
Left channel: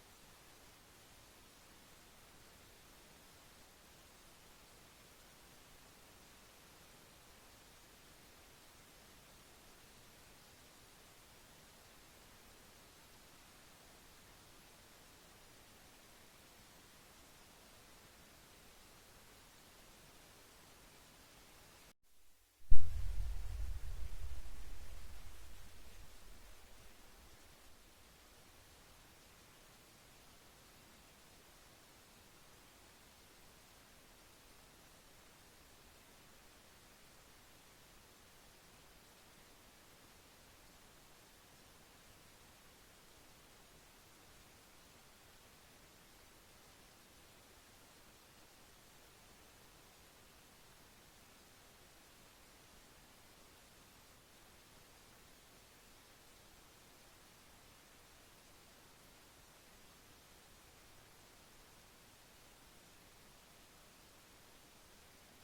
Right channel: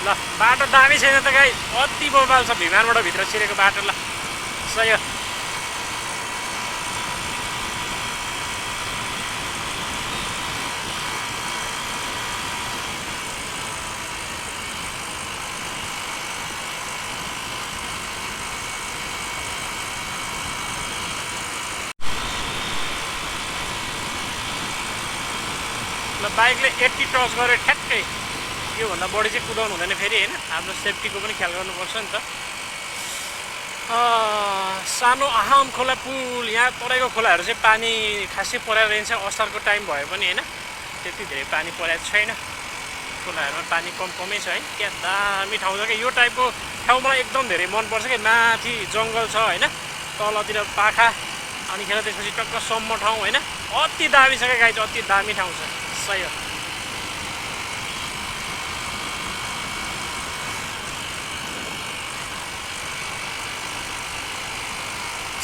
ल बाटो दामी छैन त गाई अति बबाल छ भिमानबाट भित्र छिरेको बाटो ल सही हो ल बाइकले 80 टच गरे ठ्याक्कै योभन्दा बढी चाहिँ कुदाउनु हुँदैन फेरि होइन आफ्नो सेफ्टीको पनि ख्याल गर्नुपर्छ नि त सानो आहाम खोला पुल यहाँ तराईको खोलाहरू चाहिँ पानी खासै परेर रहन्छ असारको टाइम भए पनि होइन त्यति धेरै पानी परेको छैन खोलाहरूमा पानी कमै छ है क्या दामी ठाउँ छ क्या यो टाइपको ठाउँ मलाई एकदम धेरै मनपर्छ क्या माथि जङ्गल छ होइन तलतिर पाखा अनिखेर त्यसपछि टक्क सम्म ठाउँ होइन अति दामी छ क्या गाई चाहिँ अति दामी ठाउँ छ सही हो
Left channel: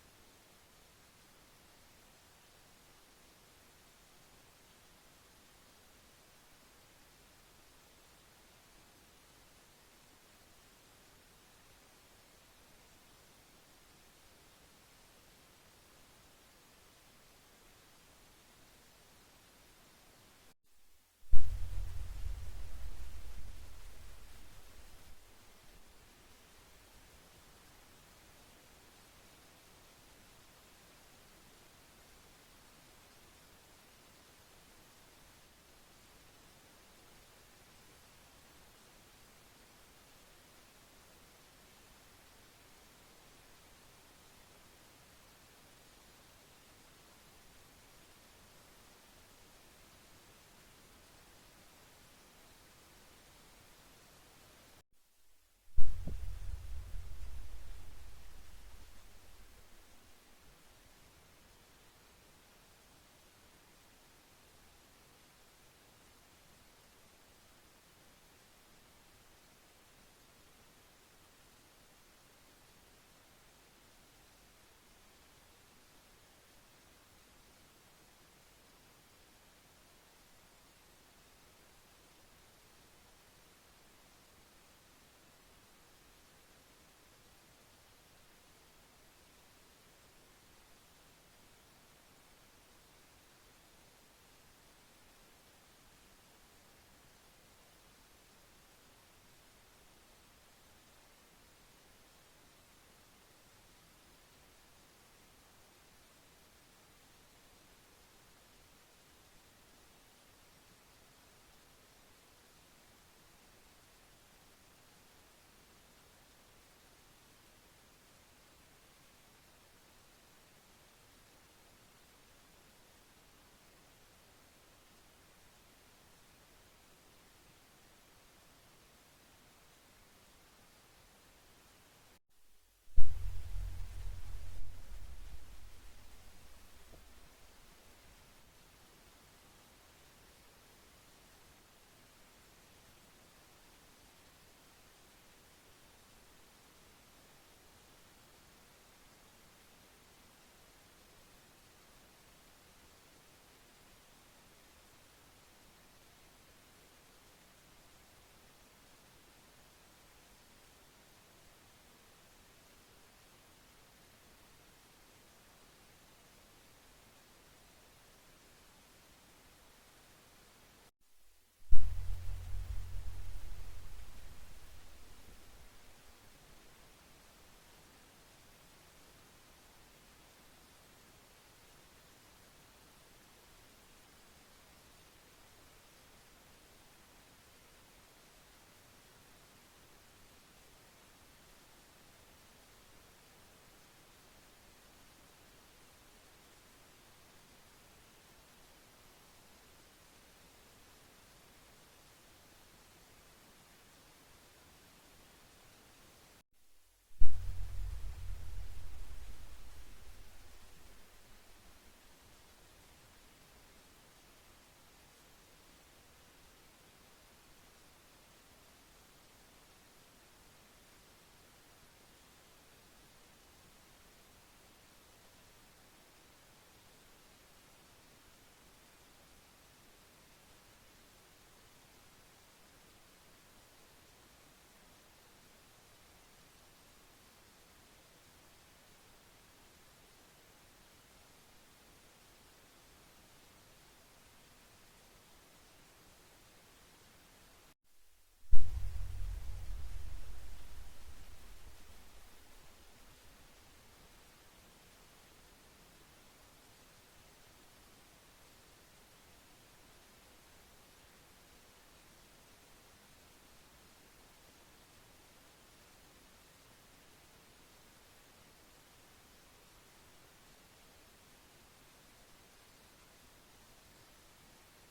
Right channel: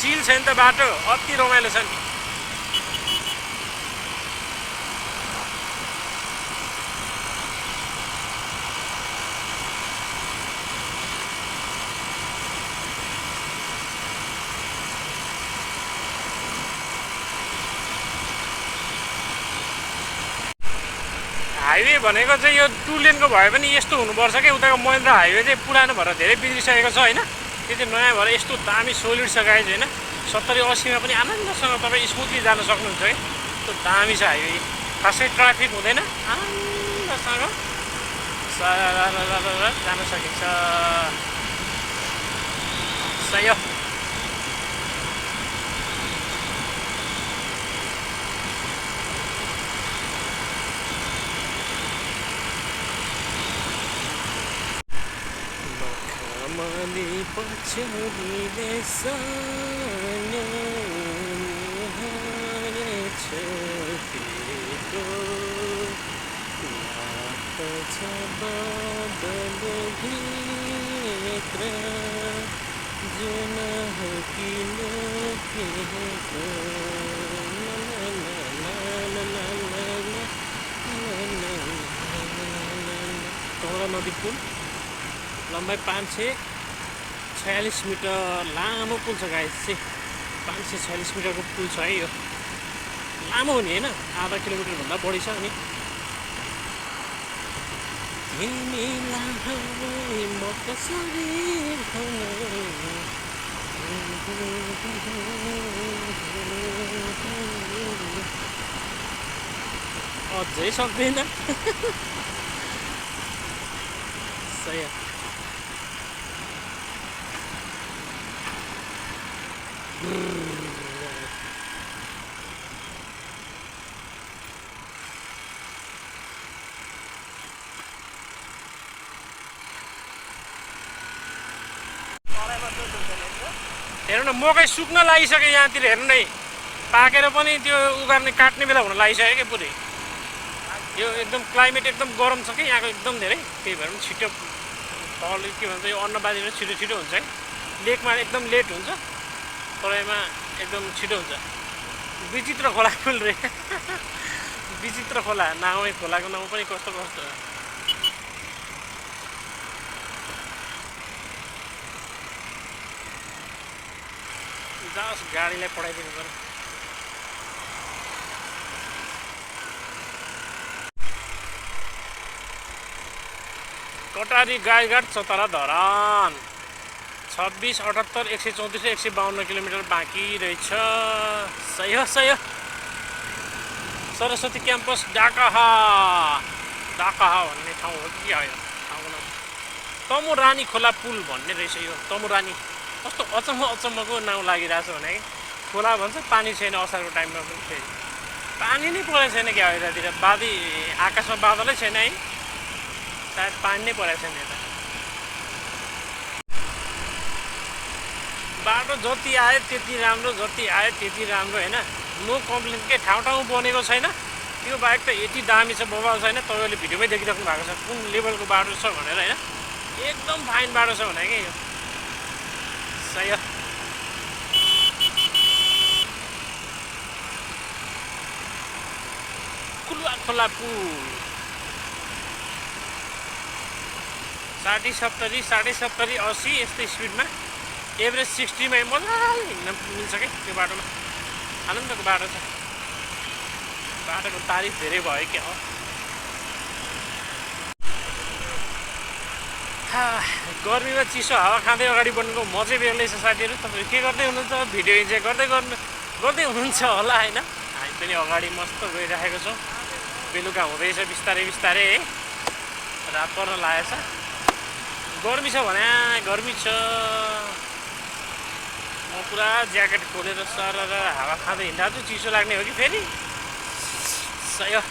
चिल छ नि त बाटो अति रमाइलो छ नि हाइवे भनेको चाहिँ यो 2 लेनको भए पनि यस्तो हुनुपर्छ क्या उताको महेन्द्र हाइवे चाहिँ पुरानो भएर धेरै बिग्रिसकेको छ होइन त्यो चाहिँ नयाँ भएर यस्तो दामी सोलिड छ गाइज होइन 70-80मा पनि आनन्दसँग तपाईँ स्मुथली जान सक्नुहुन्छ है त्यो दामी छ हाइवे खासै ट्राफिक हुँदैन आनन्दसँग जान सकिन्छ सही हो पछौलीले सानो छतिको लाग्छ बदलभित्र जुन किन कमला नदी पुल लम्बाइ 546 मिटर लामो पुल छ गाइस चाहिँ 546 मिटरको पुल छ है यो लामो हो नि होइन आधा किलोमिटर भन्दा बढी छ अनि तिमीलाई म कसरी अझै सक्दैन सही हेर्नु न मकै सुक्न लागिसक्यो यहाँतिर हेर्नु नै पाकेर पनि त्यो उगार्ने काट्ने बेला हुन लागिसक्यो क्या पुरै यो एकदम क्लाइमेट एकदम गरम छ कि यहाँको एकदम धेरै त्यही भएर पनि छिटो फल के भन्छ यो अन्नबालीहरू छिटो छिटो हुन्छ है लेकमा एकदम लेट हुन्छ तराईमा एकदम छिटो हुन्छ विचित्र खोला पुल रे विचित्र खोला नाउँ खोलाको नाउँ पनि कस्तो कस्तो जाओस् गाडीलाई पढाइदिनु पर्यो कटारी गाईघाट चतरा धरान 26, 78, 134, 152 किलोमिटर बाँकी रहेछ सही हो सरस्वती क्याम्पस डाकाहा भन्ने ठाउँ हो कि होइन ठाउँको नाम तमुरानी खोला पुल भन्ने रहेछ यो तमुरानी कस्तो अचम्मको नाउँ लागिरहेछ भने कि खोला भन्छ पानी छैन असारको टाइममा पनि फेरि पानी नै परेको छैन क्या यतातिर बादी आकाशमा बादलै छैन है सायद पानी नै परेको छैन यता बाटो जति आयो त्यति राम्रो होइन नो कम्प्लेन के ठाउँ बनेको छैन यो बाइक त यति दामी छ बबाल छैन तपाईँले भिडियोमै देखिराख्नु भएको छ कुन लेभलको बाटो छ भनेर होइन एकदम फाइन बाटो छ भने कि यो सही हो कुलुवा खोला पुल 60 70 80 यस्तै स्पिडमा एभरेज 60 मा मजाले हिँड्न मिल्छ क्या त्यो बाटोमा आनन्दको बाटो छ बाटोको तारिफ धेरै भयो क्या हो गर्मीमा चिसो हावा खाँदै अगाडि बढ्नुको मजै बेग्लै छ साथीहरू तपाईँहरू के गर्दै हुनुहुन्छ भिडियो इन्जोय गर्दै हुनुहुन्छ होला होइन हामी पनि अगाडि मस्त गइरहेको छौँ बेलुका हुँदैछ बिस्तारै है रात पर्न लागेको छ गर्मी छ भने गर्मी छ म पुरा ज्याकेट खोलेर सर हावा खाँदै हिँड्दा चाहिँ चिसो लाग्ने हो कि फेरि सही हो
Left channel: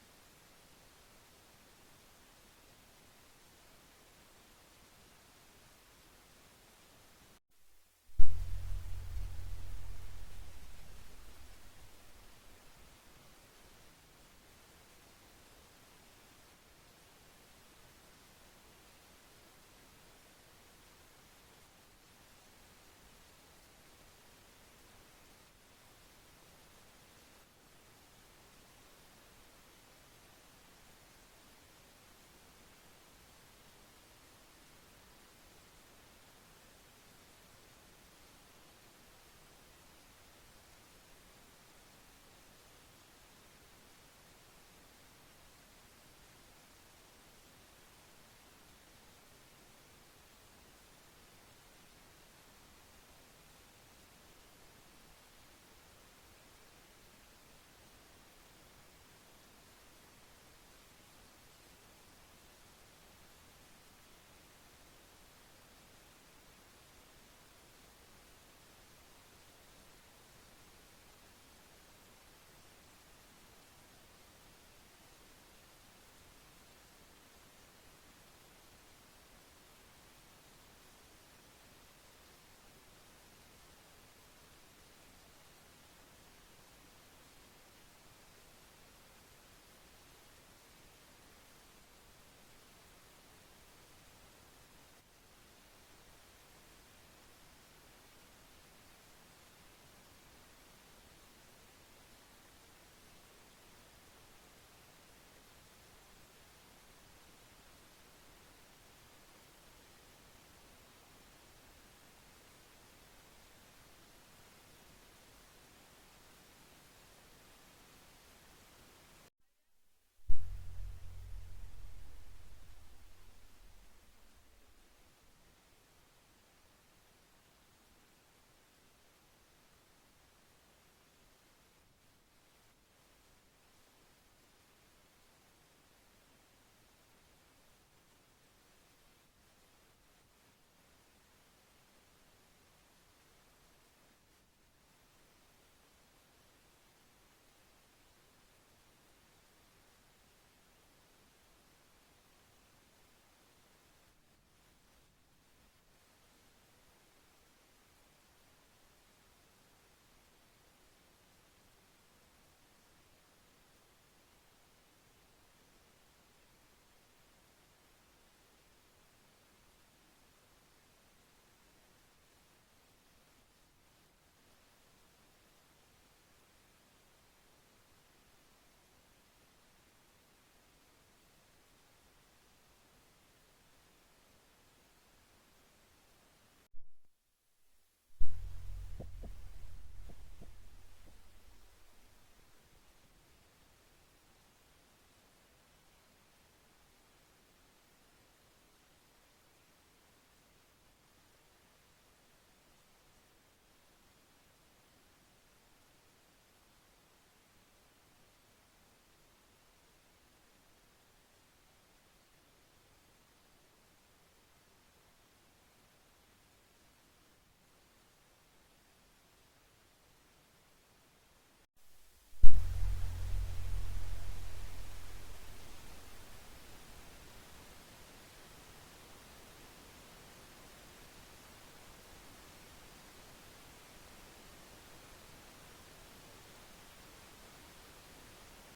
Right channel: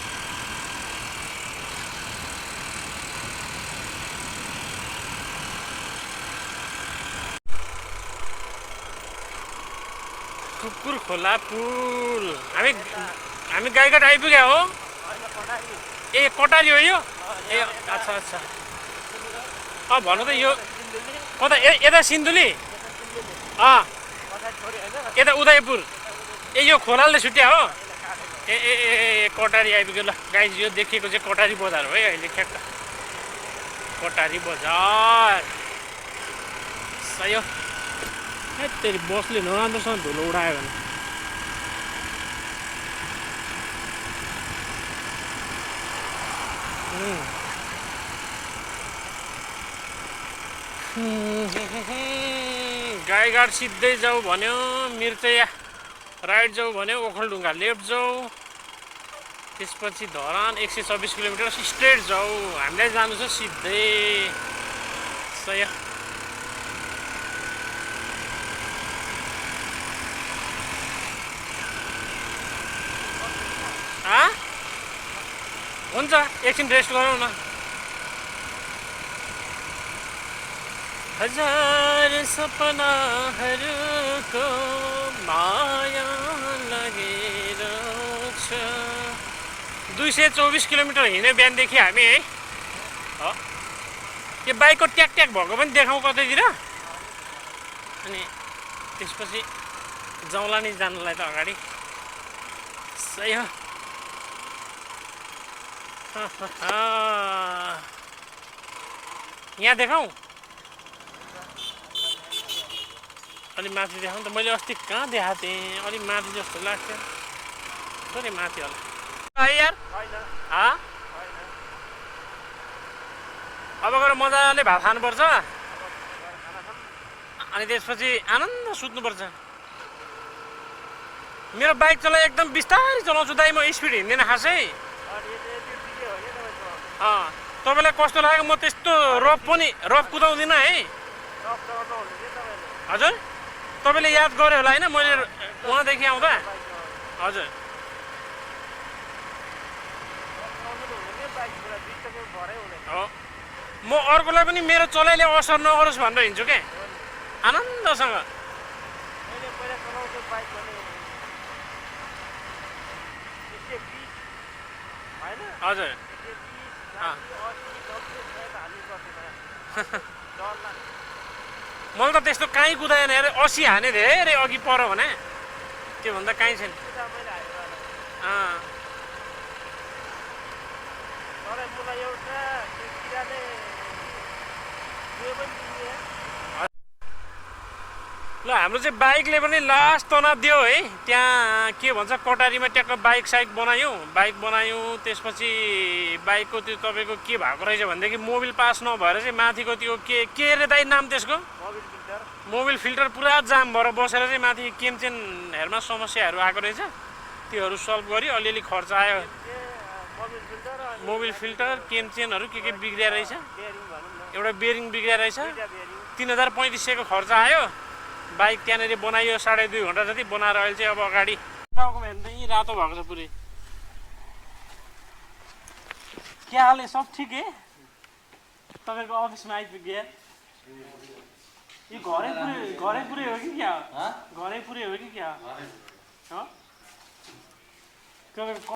कुकुर खोला पुल हामी गाईघाट आइपुग्यो हो ए कटारी हो यो ए अच्छा भन्नु त यो कता यता सिन्धुली यता उदयपुर ए यो खोलाले छुट्या हो ए कटारी आइपुग्यो ल गाइज यो देखिएको चाहिँ कटारी बजार हो है अहिले ठ्याक्क कटारी बजार सही हो तेरि बसले नराम्रोसँग धुलो उडायो भने गाईघाट सिधै जाऊ भन्यो मिर्चया राइट जाऊ भन्यो ओखलढुङ्गा लेफ्ट जाऊ त्यसपछि धरान 126 किलोमिटर स्ट्रेट जाऊ हामीलाई जानु छ सिधै सही हुन्छ एकछिन रेस्ट गरौँ न हजार सपनाहरूको माया लगेर छ 224 किलोमिटर हिँड्यो बिहानदेखि हामी है यो बाइकको ट्याक भएको पनि देखाउँ कतैतिर अनि त्यसपछि जाउँला नि जानुलाई त अगाडि सही हो यहाँ देखाउँ अलि माथि देखाउँ त मैले अस्ति कहाँ देखाएको थिएँ अलि माथि जस्तो लाग्थ्यो थोरै माथि होला यार अब गएर मजाले भात खानुपर्छ अनि त्यसपछि आनन्द सुत्नुपर्छ मेरो बाइक चलाइ एकदम बिस्तारै चलाउँछु दाइ म स्पिड हिँड्दैन खासै तपाईँलाई कस्तो लाग्यो म त्यस्तो रफ कुदाउँदिनँ है हजुर तपाईँले याद गर्यो होला होइन मैले उहाँदेखि आउँदा हजुर म अर्कोलाई पनि मेरो चलाइले असर नगरोस् भनेर हिँड्छु क्या आनन्दसँग हजुर मैले त त्यस्तो काहीँ कुदाएन अरे 80 हाने धेरै अघि पऱ्यो भने त्योभन्दा काहीँ छैन ल हाम्रो चाहिँ बाइकले पनि लास्ट तनाव दियो है त्यहाँ के भन्छ कटारीमा ट्याक्क बाइक बनायौँ त्यसपछि बाइकको त्यो तपाईँको के भएको रहेछ भनेदेखि मोबिल पास नभएर चाहिँ माथिको त्यो के अरे दाइ नाम त्यसको मोबिल फिल्टर पुरा जाम भएर बसेर चाहिँ माथि केमचेनहरूमा समस्याहरू आएको रहेछ त्योहरू सल्भ गऱ्यो अलिअलि खर्च आयो मोबिल फिल्टर अनि मोबिल फिल्टर केन चेनहरू के बिग्रिया रहेछ बेरिङ भनौँ न एउटा बेरिङ बिग्रिया रहेछ दुईटा बेरिङ 3500को खर्च आयो बाइक त्यहाँनिर बनाइयो 2.5 घन्टा जति बनाएर अहिले चाहिँ अब अगाडि टाउको हेर्नु यहीँ रातो भएको छ पुरै के हाल है सब ठिक है तपाईँको अफिसमा आइपुग्यो यो घरै पुरै हो कि क्या घरै पुरै हो कि क्या हो तपाईँको